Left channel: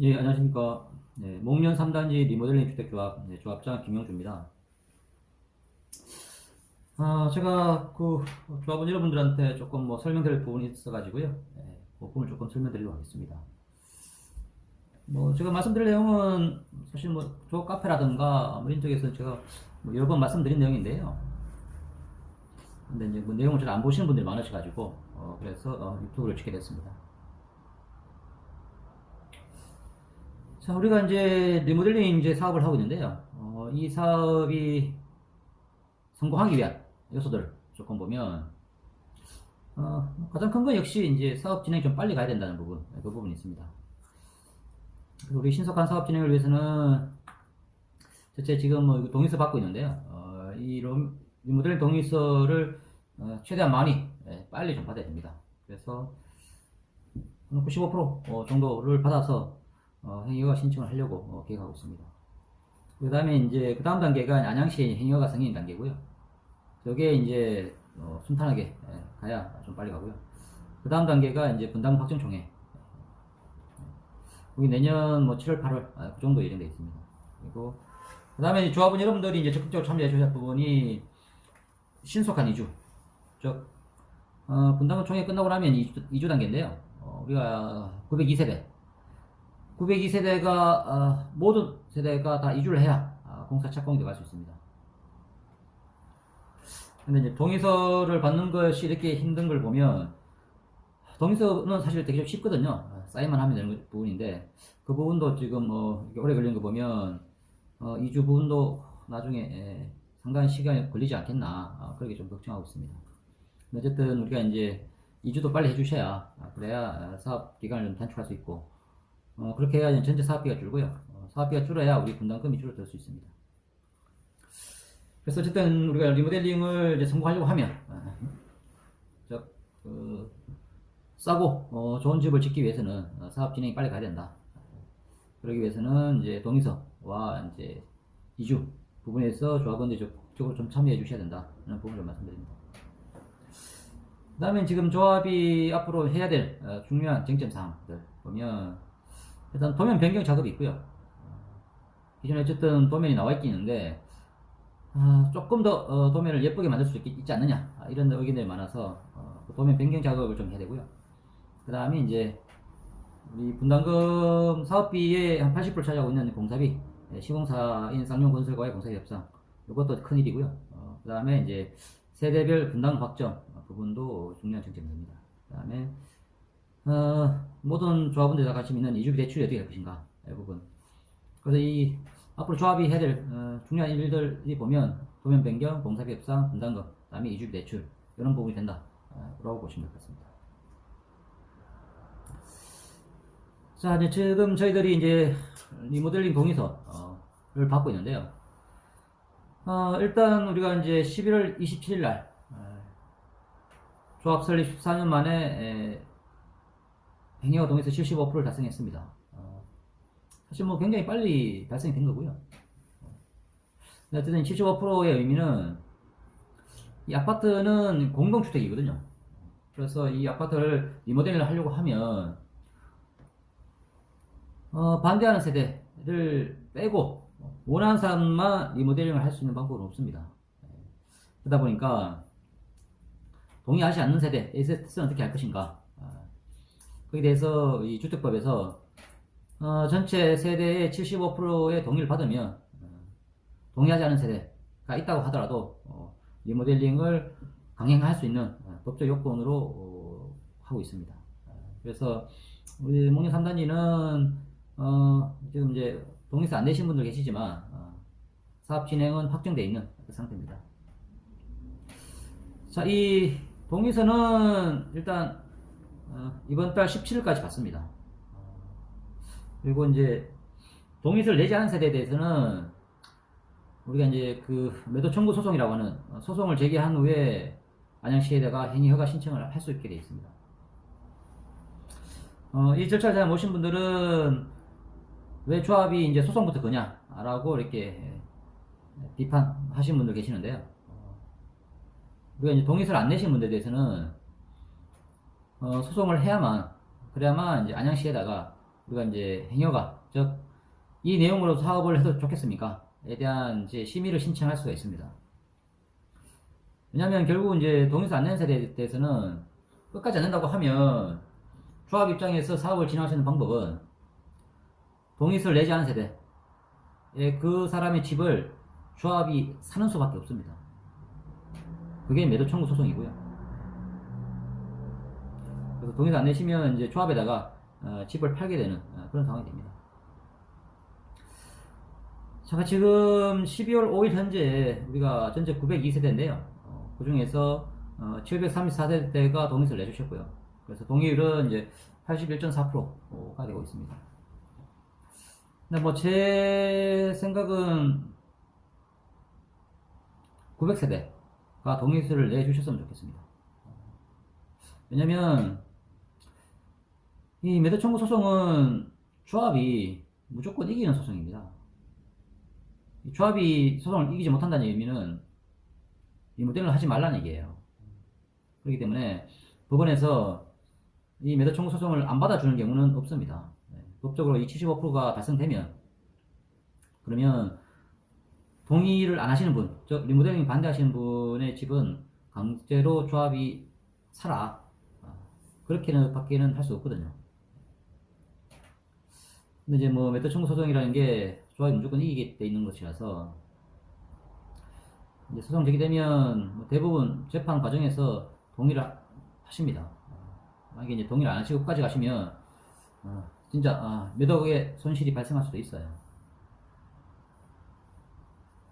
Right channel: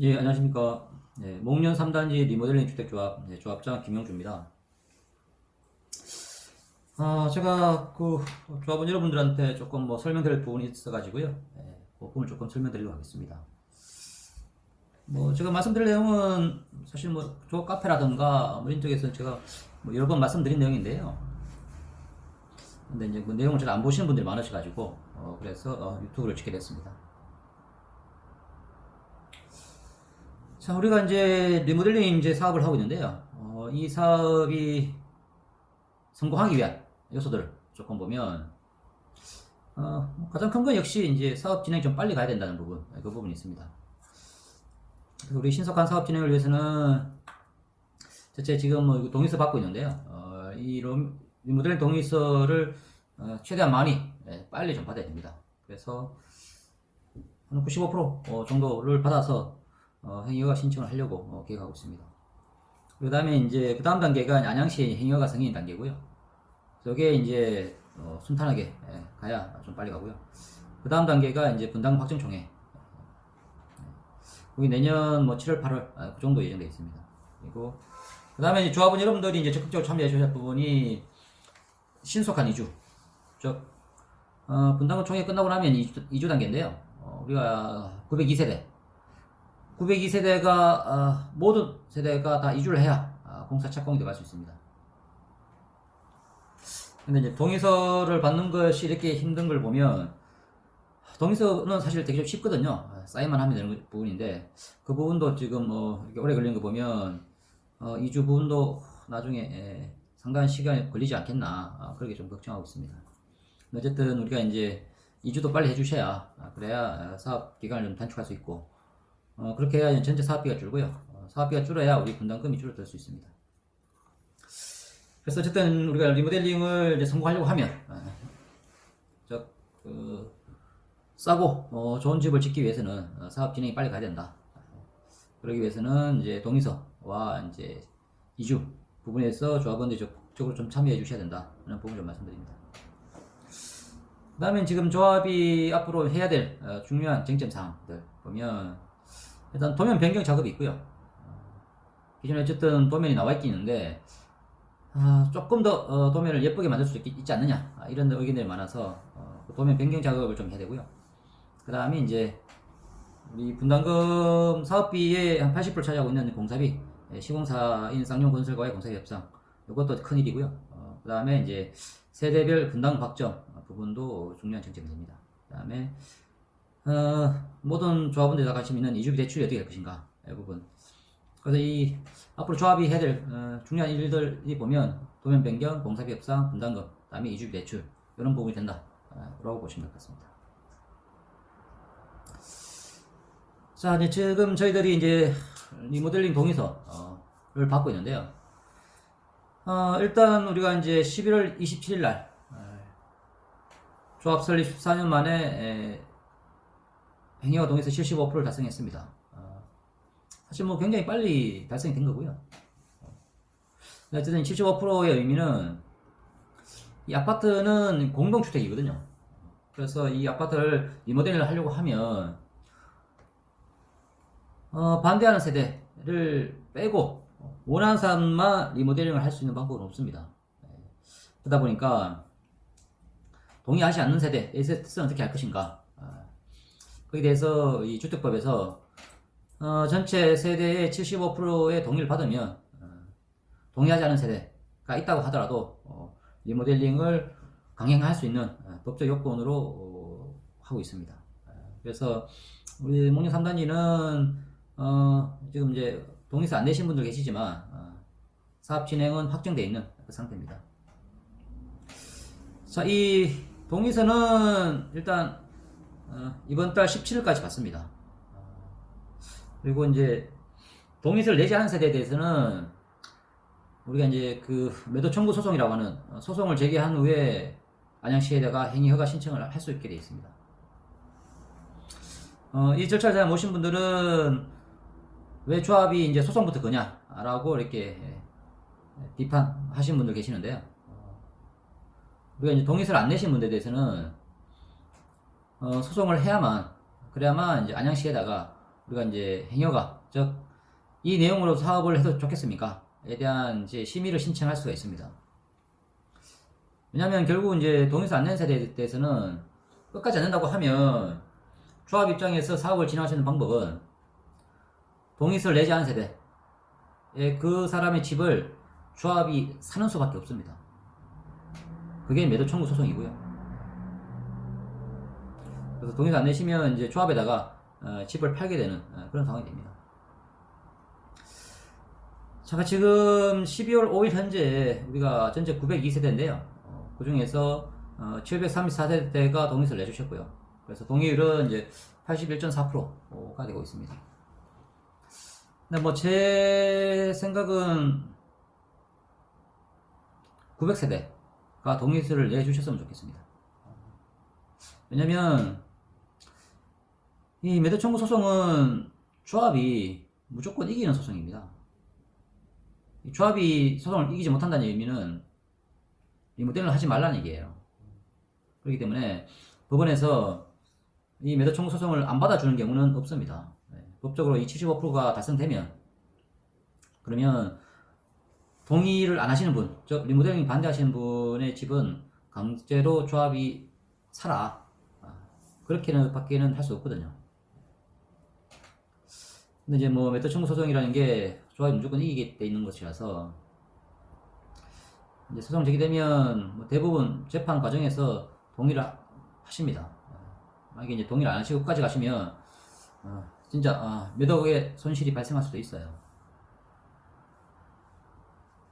예, 안녕하십니까. 네, 목련 3단지 리모델링 주택조합 조합자 김영주입니다. 제가 그 조합원 여러분들한테 조금 뭐 설명드릴 부분이 있어가지고요. 그 부분을 조금 설명드리려고 하겠습니다. 뭐 제가 말씀드릴 내용은 사실 뭐 조합 카페라든가 뭐 이런 쪽에서 제가 뭐 여러 번 말씀드린 내용인데요. 근데 이제 뭐 내용을 잘 안 보시는 분들이 많으셔가지고 그래서 유튜브를 찍게 됐습니다. 자, 우리가 이제 리모델링 이제 사업을 하고 있는데요. 이 사업이 성공하기 위한 요소들을 조금 보면 가장 큰 건 역시 이제 사업 진행 좀 빨리 가야 된다는 부분, 그 부분이 있습니다. 우리 신속한 사업 진행을 위해서는 대체 지금 뭐 동의서 받고 있는데요. 이 리모델링 동의서를 최대한 많이 빨리 좀 받아야 됩니다. 그래서 한 95% 정도를 받아서 행위허가 신청을 하려고 계획하고 있습니다. 그 다음에 이제 그 다음 단계가 안양시 행위허가 승인 단계고요. 저게 이제 순탄하게 가야 좀 빨리 가고요. 그 다음 단계가 이제 분당 확정총회. 거기 내년 뭐 7월, 8월 그 정도 예정되어 있습니다. 그리고 그 다음에 조합원 여러분들이 이제 적극적으로 참여하셔야 할 부분이 신속한 이주. 즉 분당 총회 끝나고 나면 이주 단계인데요. 우리가 902세대, 902세대가 모든 세대가 다 이주를 해야 공사 착공이 들어갈 수 있습니다. 근데 이제 동의서를 받는 것이 이렇게 힘든 걸 보면 동의서는 사실 되게 좀 쉽거든요. 사인만 하면 되는 부분인데 그 부분도 지금 이렇게 오래 걸리는 거 보면 이주 부분도 나중에 상당한 시간이 걸리지 않겠나 그렇게 좀 걱정하고 있습니다. 어쨌든 우리가 이제 이주도 빨리 해주셔야 그래야 사업 기간을 좀 단축할 수 있고 그렇게 해야 전체 사업비가 줄고요. 사업비가 줄어야 우리 분담금이 줄어들 수 있습니다. 그래서 어쨌든 우리가 리모델링을 이제 성공하려고 하면 그 싸고 좋은 집을 짓기 위해서는 사업 진행이 빨리 가야 된다. 그러기 위해서는 이제 동의서와 이제 이주 부분에서 조합원들이 적극적으로 좀 참여해 주셔야 된다. 라는 부분을 좀 말씀드립니다. 그 다음에 지금 조합이 앞으로 해야 될 중요한 쟁점 사항들 보면 일단 도면 변경 작업이 있고요. 기존에 어쨌든 도면이 나와 있긴 있는데 조금 더 도면을 예쁘게 만들 수 있지 않느냐 이런 의견들이 많아서 도면 변경 작업을 좀 해야 되고요. 그 다음에 이제 우리 분담금 사업비의 한 80% 차지하고 있는 공사비, 시공사인 쌍용건설과의 공사비 협상, 이것도 큰 일이고요. 그 다음에 이제 세대별 분담금 확정 부분도 중요한 쟁점입니다. 그 다음에 모든 조합원들 다 관심 있는 이주비 대출이 어떻게 될 것인가 이 부분. 그래서 이 앞으로 조합이 해야 될 중요한 일들이 보면 도면 변경, 공사비 협상, 분담금, 그 다음에 이주비 대출 이런 부분이 된다 라고 보시면 될 것 같습니다. 자, 이제 지금 저희들이 이제 리모델링 동의서를 받고 있는데요. 일단 우리가 이제 11월 27일 날 조합 설립 14년 만에 행위허가 동의서 75%를 달성했습니다. 사실 뭐 굉장히 빨리 달성이 된 거고요. 어쨌든 75%의 의미는 이 아파트는 공동주택이거든요. 그래서 이 아파트를 리모델링을 하려고 하면 반대하는 세대를 빼고 원하는 사람만 리모델링을 할 수 있는 방법은 없습니다. 그러다 보니까 동의하지 않는 세대의 뜻은 어떻게 할 것인가. 거기에 대해서 이 주택법에서 전체 세대의 75%의 동의를 받으면 동의하지 않은 세대가 있다고 하더라도 리모델링을 강행할 수 있는 법적 요건으로 하고 있습니다. 그래서 우리 목련 3단지는 지금 이제 동의서 안 내신 분들 계시지만 사업 진행은 확정되어 있는 그 상태입니다. 자, 이 동의서는 일단 이번 달 17일까지 받습니다. 그리고 이제 동의서를 내지 않은 세대에 대해서는 우리가 이제 그 매도 청구 소송이라고 하는 소송을 제기한 후에 안양시에다가 행위 허가 신청을 할 수 있게 되어 있습니다. 이 절차를 잘 모신 분들은 왜 조합이 이제 소송부터 거냐라고 이렇게 비판하신 분들 계시는데요. 우리가 이제 동의서를 안 내신 분들에 대해서는 소송을 해야만 그래야만 이제 안양시에다가 우리가 이제 행여가 즉 이 내용으로 사업을 해도 좋겠습니까?에 대한 이제 심의를 신청할 수가 있습니다. 왜냐하면 결국 이제 동의서 안 내는 세대에 대해서는 끝까지 안 낸다고 하면 조합 입장에서 사업을 진행할 수 있는 방법은 동의서를 내지 않은 세대 그 사람의 집을 조합이 사는 수밖에 없습니다. 그게 매도 청구 소송이고요. 그래서 동의서 안 내시면 이제 조합에다가 집을 팔게 되는 그런 상황이 됩니다. 자, 지금 12월 5일 현재 우리가 전체 902세대인데요. 그 중에서 734세대가 동의서를 내주셨고요. 그래서 동의율은 이제 81.4%가 되고 있습니다. 근데 뭐 제 생각은 900세대가 동의서를 내주셨으면 좋겠습니다. 왜냐면 이 매도 청구 소송은 조합이 무조건 이기는 소송입니다. 조합이 소송을 이기지 못한다는 의미는 리모델링을 하지 말라는 얘기예요. 그렇기 때문에 법원에서 이 매도 청구 소송을 안 받아주는 경우는 없습니다. 법적으로 이 75%가 달성되면 그러면 동의를 안 하시는 분, 즉 리모델링 반대하시는 분의 집은 강제로 조합이 사라 그렇게는 받기는 할 수 없거든요. 근데 이제 뭐 매도 청구 소송이라는 게 조합이 무조건 이기게 돼 있는 것이라서 이제 소송 제기되면 대부분 재판 과정에서 동의를 하십니다. 만약에 이제 동의를 안 하시고 끝까지 가시면 진짜 몇 억의 손실이 발생할 수도 있어요.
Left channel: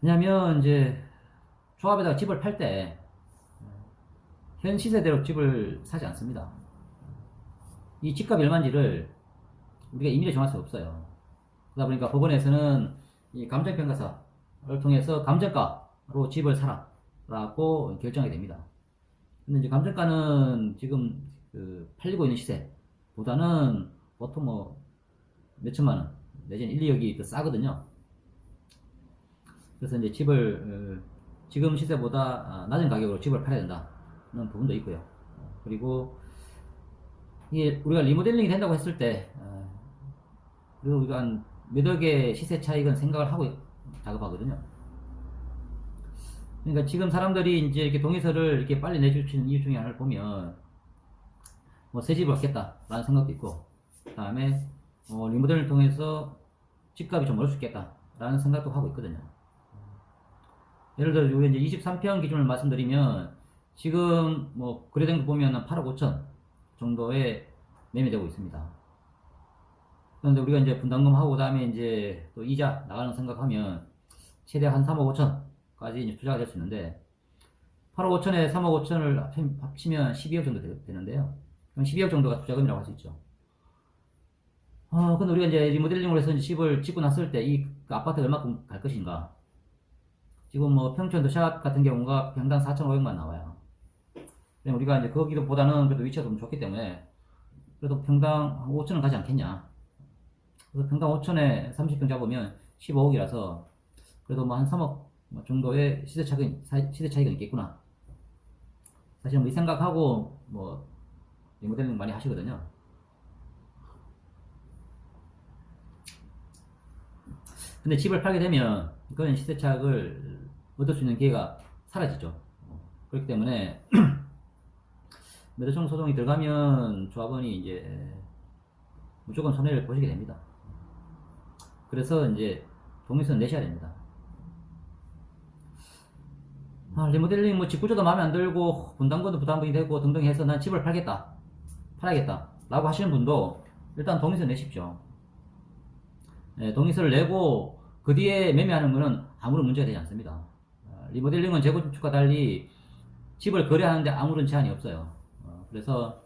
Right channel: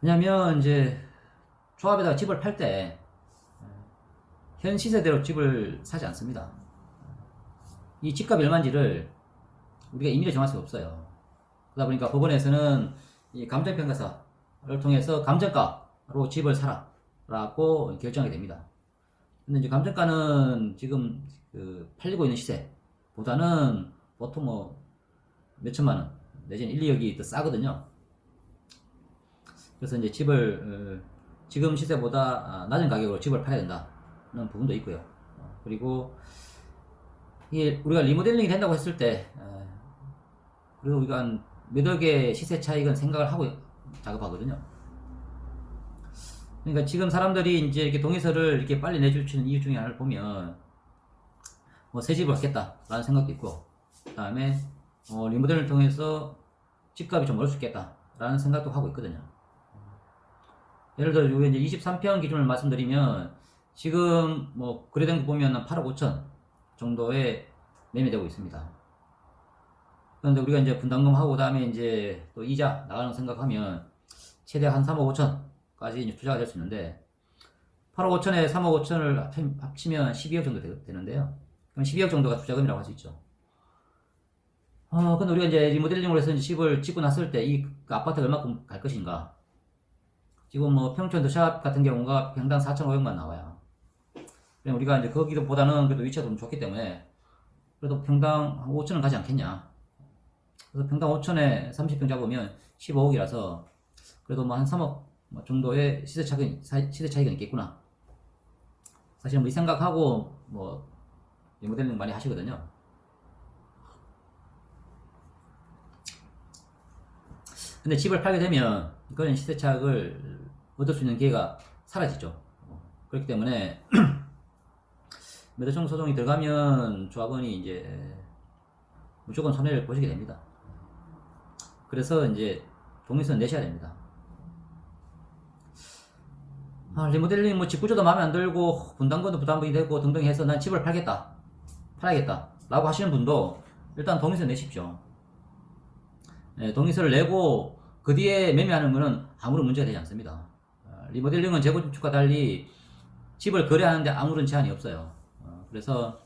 왜냐면 이제 조합에다가 집을 팔 때 현 시세대로 집을 사지 않습니다. 이 집값 얼마인지를 우리가 임의로 정할 수는 없어요. 그러다 보니까 법원에서는 이 감정평가서를 통해서 감정가로 집을 사라 라고 결정하게 됩니다. 근데 이제 감정가는 지금 그 팔리고 있는 시세보다는 보통 뭐 몇천만 원 내지는 1, 2억이 더 싸거든요. 그래서 이제 집을 지금 시세보다 낮은 가격으로 집을 팔아야 된다는 부분도 있고요. 그리고 이게 우리가 리모델링이 된다고 했을 때 그리고 우리가 한 몇 억의 시세 차익은 생각을 하고 작업하거든요. 그러니까 지금 사람들이 이제 이렇게 동의서를 이렇게 빨리 내주시는 이유 중에 하나를 보면 뭐 새 집을 갖겠다라는 생각도 있고, 그 다음에 리모델을 통해서 집값이 좀 오를 수 있겠다라는 생각도 하고 있거든요. 예를 들어 여기 이제 23평 기준을 말씀드리면 지금 뭐 거래된 거 보면 8억 5천 정도에 매매되고 있습니다. 그런데 우리가 이제 분담금 하고 그다음에 이제 또 이자 나가는 생각하면 최대 한 3억 5천까지 이제 투자가 될 수 있는데 8억 5천에 3억 5천을 합치면 12억 정도 되는데요. 그럼 12억 정도가 투자금이라고 할 수 있죠. 근데 우리가 이제 리모델링을 해서 집을 짓고 났을 때 이 아파트가 얼마큼 갈 것인가. 지금 뭐 평촌 더샵 같은 경우가 평당 4,500만 나와요. 우리가 이제 거기보다는 그래도 위치가 좀 좋기 때문에 그래도 평당 5천은 가지 않겠냐. 그래서 평당 5천에 30평 잡으면 15억이라서 그래도 뭐 한 3억 정도의 시세 차이가 있겠구나. 사실 뭐 이 생각하고 뭐 리모델링 많이 하시거든요. 근데 집을 팔게 되면 그런 시세 차익을 얻을 수 있는 기회가 사라지죠. 그렇기 때문에 매도청 소송이 들어가면 조합원이 이제 무조건 손해를 보시게 됩니다. 그래서 이제 동의서 내셔야 됩니다. 리모델링 뭐 집구조도 마음에 안 들고 분담금도 부담금이 되고 등등 해서 난 집을 팔겠다 라고 하시는 분도 일단 동의서 내십시오. 네, 동의서를 내고 그 뒤에 매매하는 것은 아무런 문제가 되지 않습니다. 리모델링은 재건축과 달리 집을 거래하는데 아무런 제한이 없어요. 그래서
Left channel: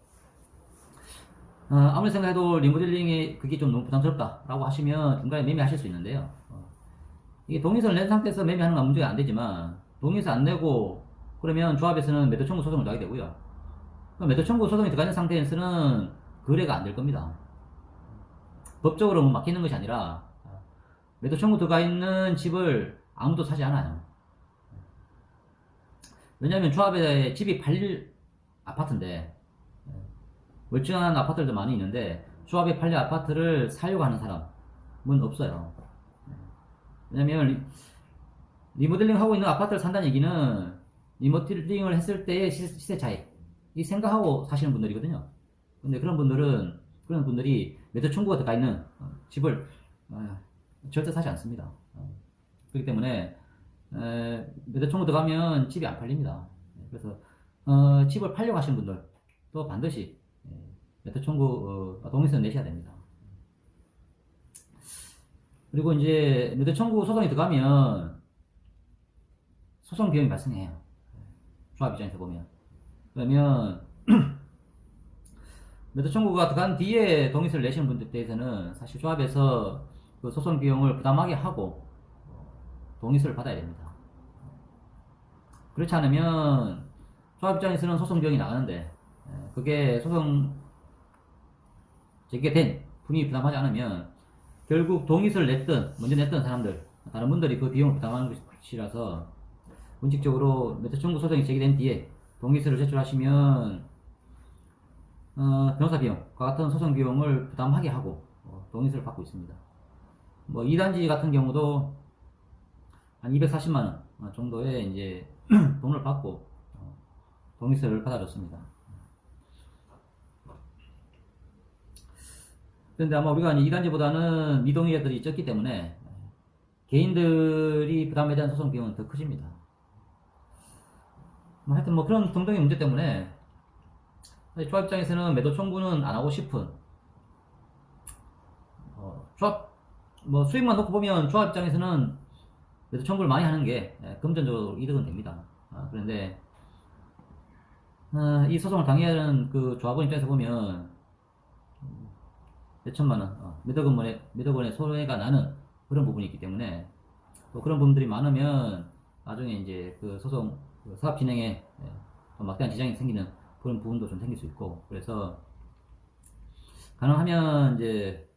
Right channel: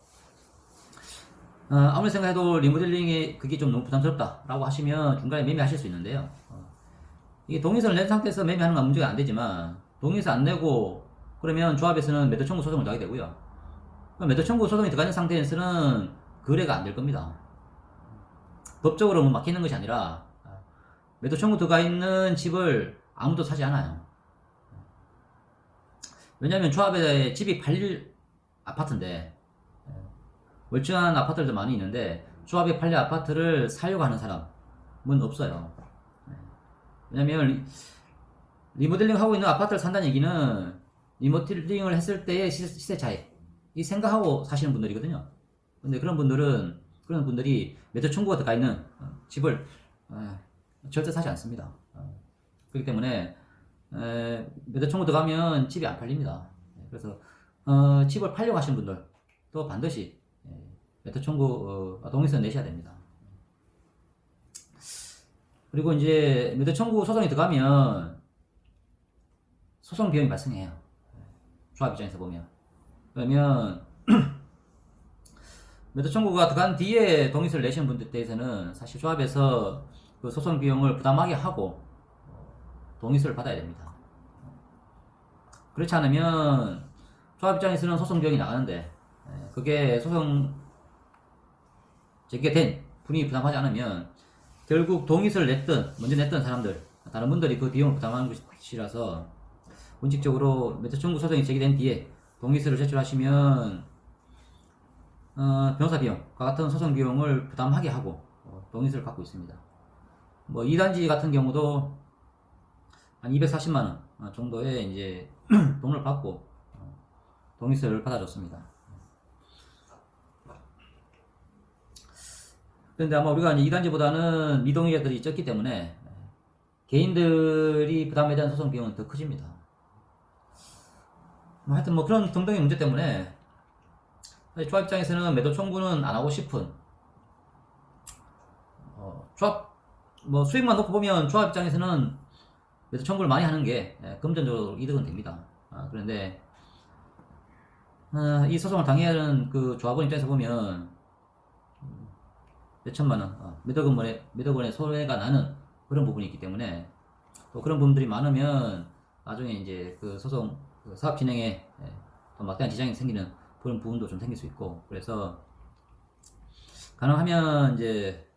아무리 생각해도 리모델링에 그게 좀 너무 부담스럽다 라고 하시면 중간에 매매하실 수 있는데요. 이게 동의서를 낸 상태에서 매매하는 건 문제가 안 되지만 동의서 안 내고 그러면 조합에서는 매도 청구 소송을 나게 되고요. 매도 청구 소송이 들어가는 상태에서는 거래가 안 될 겁니다. 법적으로 맡기는 것이 아니라 매도 청구 들어가 있는 집을 아무도 사지 않아요. 왜냐하면 조합에 집이 팔릴 아파트인데 멀쩡한 아파트들도 많이 있는데 조합에 팔린 아파트를 사려고 하는 사람은 없어요. 왜냐면 리모델링 하고 있는 아파트를 산다는 얘기는 리모델링을 했을 때의 시세 차익 이 생각하고 사시는 분들이거든요. 근데 그런 분들이 매도 청구가 들어가 있는 집을 절대 사지 않습니다. 그렇기 때문에 매도 청구 들어가면 집이 안 팔립니다. 그래서 집을 팔려고 하시는 분들도 반드시 매도 청구 동의서 내셔야 됩니다. 그리고 이제 매도 청구 소송이 들어가면 소송 비용이 발생해요. 조합 입장에서 보면. 그러면 매도 청구가 들어간 뒤에 동의서를 내시는 분들 대해서는 사실 조합에서 그 소송 비용을 부담하게 하고 동의서를 받아야 됩니다. 그렇지 않으면 조합 입장에서는 소송 비용이 나가는데 그게 소송 제기된 분이 부담하지 않으면 결국 동의서를 먼저 냈던 사람들, 다른 분들이 그 비용을 부담하는 것이라서 원칙적으로 매도 청구 소송이 제기된 뒤에 동의서를 제출하시면 변호사 비용과 같은 소송 비용을 부담하게 하고 동의서를 받고 있습니다. 뭐 2단지 같은 경우도 한 240만 원 정도의 이제 돈을 받고 동의서를 받아줬습니다. 그런데 아마 우리가 2단지보다는 미동의자들이 적기 때문에 개인들이 부담에 대한 소송 비용은 더 커집니다. 하여튼 뭐 그런 등등의 문제 때문에 조합 입장에서는 매도 청구는 안 하고 싶은 조합 뭐 수익만 놓고 보면 조합 입장에서는 매도 청구를 많이 하는 게 금전적으로 이득은 됩니다. 그런데 이 소송을 당해하는 그 조합원 입장에서 보면 몇 천만 원 매도금의 소외가 나는 그런 부분이 있기 때문에 또 그런 부분들이 많으면 나중에 이제 그 소송 그 사업 진행에 또 막대한 지장이 생기는 그런 부분도 좀 생길 수 있고, 그래서 가능하면 이제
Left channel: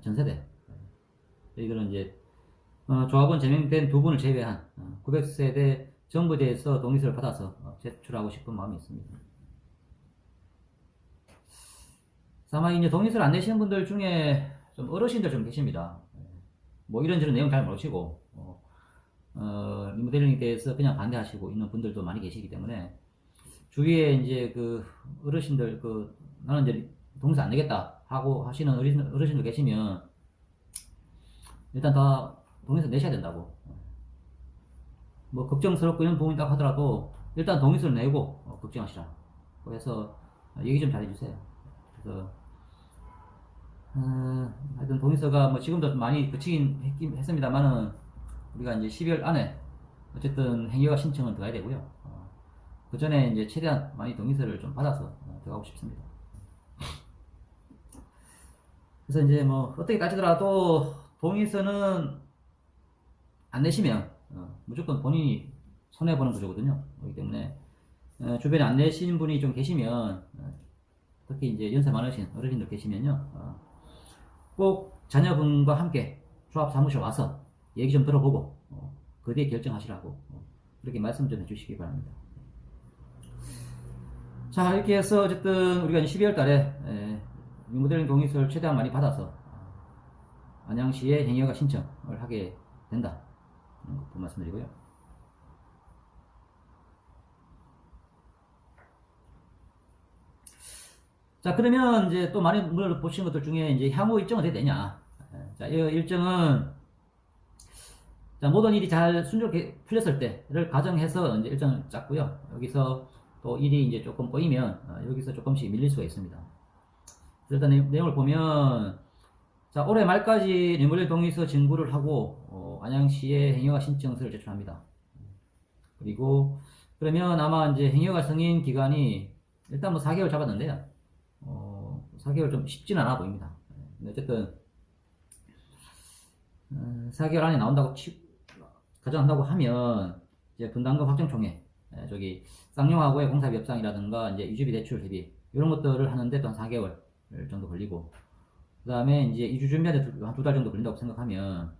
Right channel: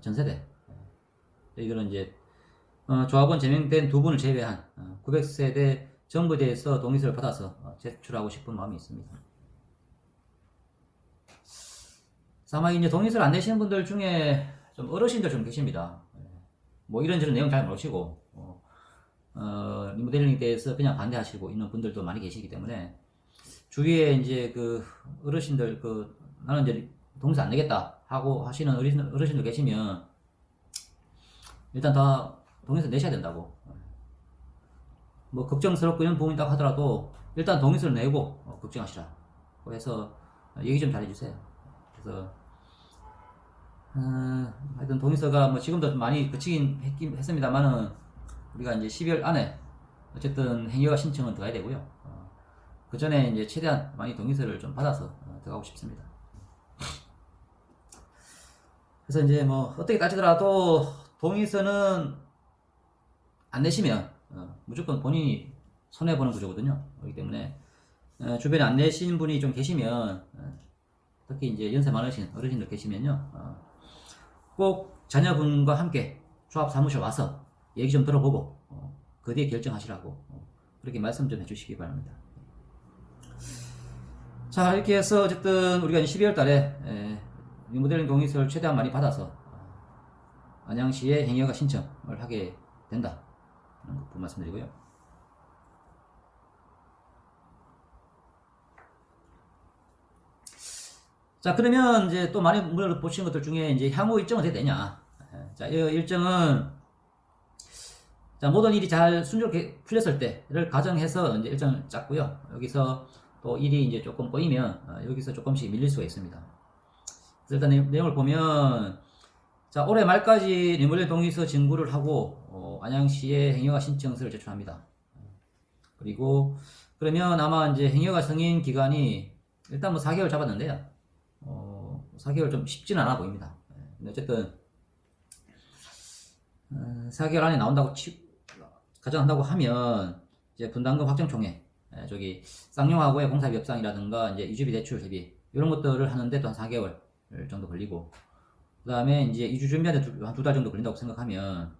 전세대 이거는 이제 조합원 제명된 두 분을 제외한 900세대 전부에 대해서 동의서를 받아서 제출하고 싶은 마음이 있습니다. 아마 이제 동의서를 안 내시는 분들 중에 좀 어르신들 좀 계십니다. 뭐 이런저런 내용 잘 모르시고 리모델링에 대해서 그냥 반대하시고 있는 분들도 많이 계시기 때문에 주위에 이제 그 어르신들 나는 이제 동의서 안 내겠다 하고 하시는 어르신들 계시면 일단 다 동의서 내셔야 된다고. 뭐 걱정스럽고 이런 부분이다 하더라도 일단 동의서를 내고 걱정하시라. 그래서 얘기 좀 잘해주세요. 그래서 하여튼 동의서가 뭐 지금도 좀 많이 거치긴 했습니다만은 우리가 이제 12월 안에 어쨌든 행위허가 신청을 들어가야 되고요. 그 전에 이제 최대한 많이 동의서를 좀 받아서 들어가고 싶습니다. 그래서 이제 뭐 어떻게 따지더라도 동의서는 안 내시면 무조건 본인이 손해보는 구조거든요. 그렇기 때문에 주변에 안 내신 분이 좀 계시면 특히 이제 연세 많으신 어르신들 계시면요 꼭 자녀분과 함께 조합 사무실 와서 얘기 좀 들어보고 그 뒤에 결정하시라고 그렇게 말씀 좀 해주시기 바랍니다. 자, 이렇게 해서 어쨌든 우리가 12월 달에 리모델링 동의서를 최대한 많이 받아서 안양시에 행위허가 신청을 하게 된다. 라는 것도 말씀드리고요. 자, 그러면 이제 또 많이 물어보시는 것들 중에 이제 향후 일정은 어떻게 되냐. 자, 이 일정은 자, 모든 일이 잘 순조롭게 풀렸을 때를 가정해서 이제 일정을 짰고요. 여기서 또 일이 이제 조금 꼬이면 여기서 조금씩 밀릴 수가 있습니다. 그래서 일단 내용을 보면 자, 올해 말까지 리모델링 동의서 진구를 하고 안양시에 행위허가 신청서를 제출합니다. 그리고 그러면 아마 이제 행위허가 승인 기간이 일단 뭐 4개월 잡았는데요. 4개월 좀 쉽지는 않아 보입니다. 근데 어쨌든 4개월 안에 가져간다고 하면 이제 분담금 확정총회 저기 쌍용하고의 공사비 협상이라든가 이제 이주비 대출 대비 이런 것들을 하는데 또 한 4개월 정도 걸리고, 그 다음에 이제 이주 준비하는데 한 2달 정도 걸린다고 생각하면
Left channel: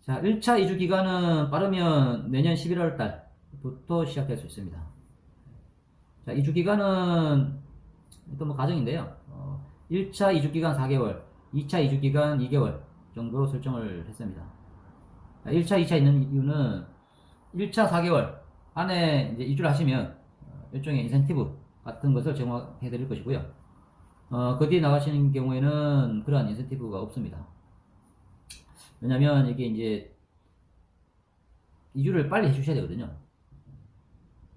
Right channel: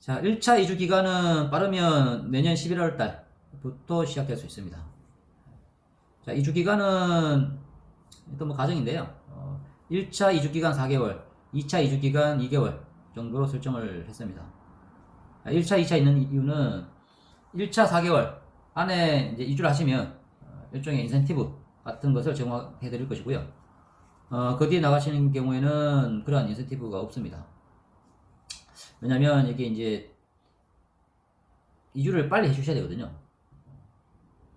자 1차 이주 기간은 빠르면 내년 11월 달부터 시작될 수 있습니다. 자 이주 기간은 또 뭐 가정인데요. 1차 이주기간 4개월, 2차 이주기간 2개월 정도로 설정을 했습니다. 1차, 2차 있는 이유는 1차 4개월 안에 이제 이주를 하시면 일종의 인센티브 같은 것을 제공해 드릴 것이고요. 그 뒤에 나가시는 경우에는 그러한 인센티브가 없습니다. 왜냐면 여기 이제 이주를 빨리 해주셔야 되거든요.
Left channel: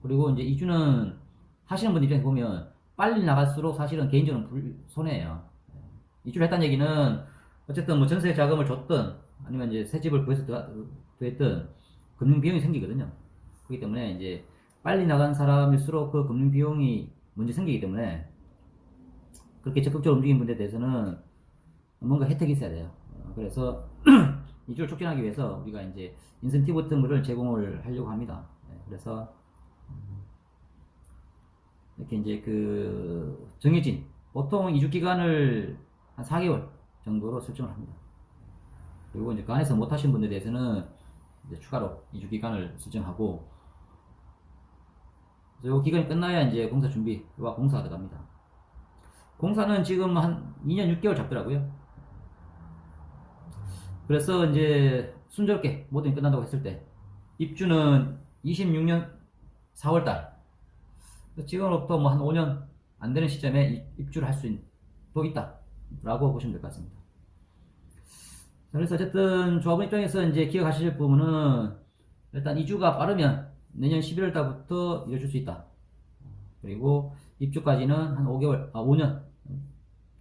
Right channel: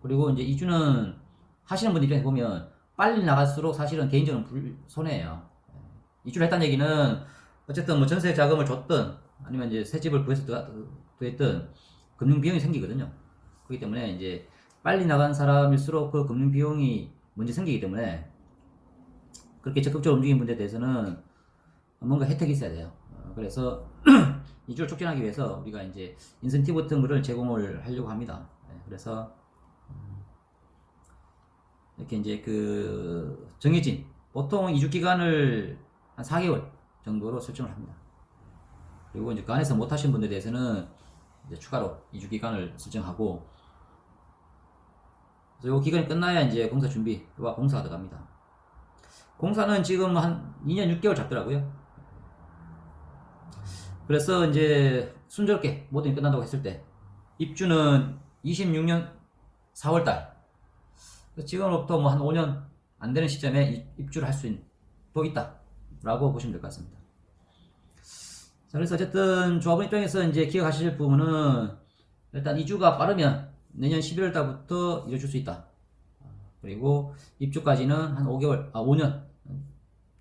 그리고 이제 이주는 하시는 분 입장에서 보면 빨리 나갈수록 사실은 개인적으로 손해예요. 이주를 했다는 얘기는 어쨌든 뭐 전세 자금을 줬든 아니면 이제 새 집을 구해서 됐든 금융 비용이 생기거든요. 그렇기 때문에 이제 빨리 나간 사람일수록 그 금융 비용이 먼저 생기기 때문에 그렇게 적극적으로 움직이는 분에 대해서는 뭔가 혜택이 있어야 돼요. 그래서 이주를 촉진하기 위해서 우리가 이제 인센티브 같은 거를 제공을 하려고 합니다. 그래서 이렇게 이제 그 정해진 보통 이주 기간을 한 4개월 정도로 설정을 합니다. 그리고 이제 그 안에서 못 하신 분들에 대해서는 이제 추가로 이주 기간을 설정하고, 그리고 기간이 끝나야 이제 공사 준비와 공사가 들어갑니다. 공사는 지금 한 2년 6개월 잡더라고요. 그래서 이제 순조롭게 모든 게 끝난다고 했을 때 입주는 26년 4월달, 지금으로부터 뭐 한 5년 안 되는 시점에 입주를 할 수 또 있다라고 보시면 될 것 같습니다. 자, 그래서 어쨌든 조합원 입장에서 이제 기억하실 부분은 일단 이주가 빠르면 내년 11월 달부터 이뤄줄 수 있다. 그리고 입주까지는 한 5년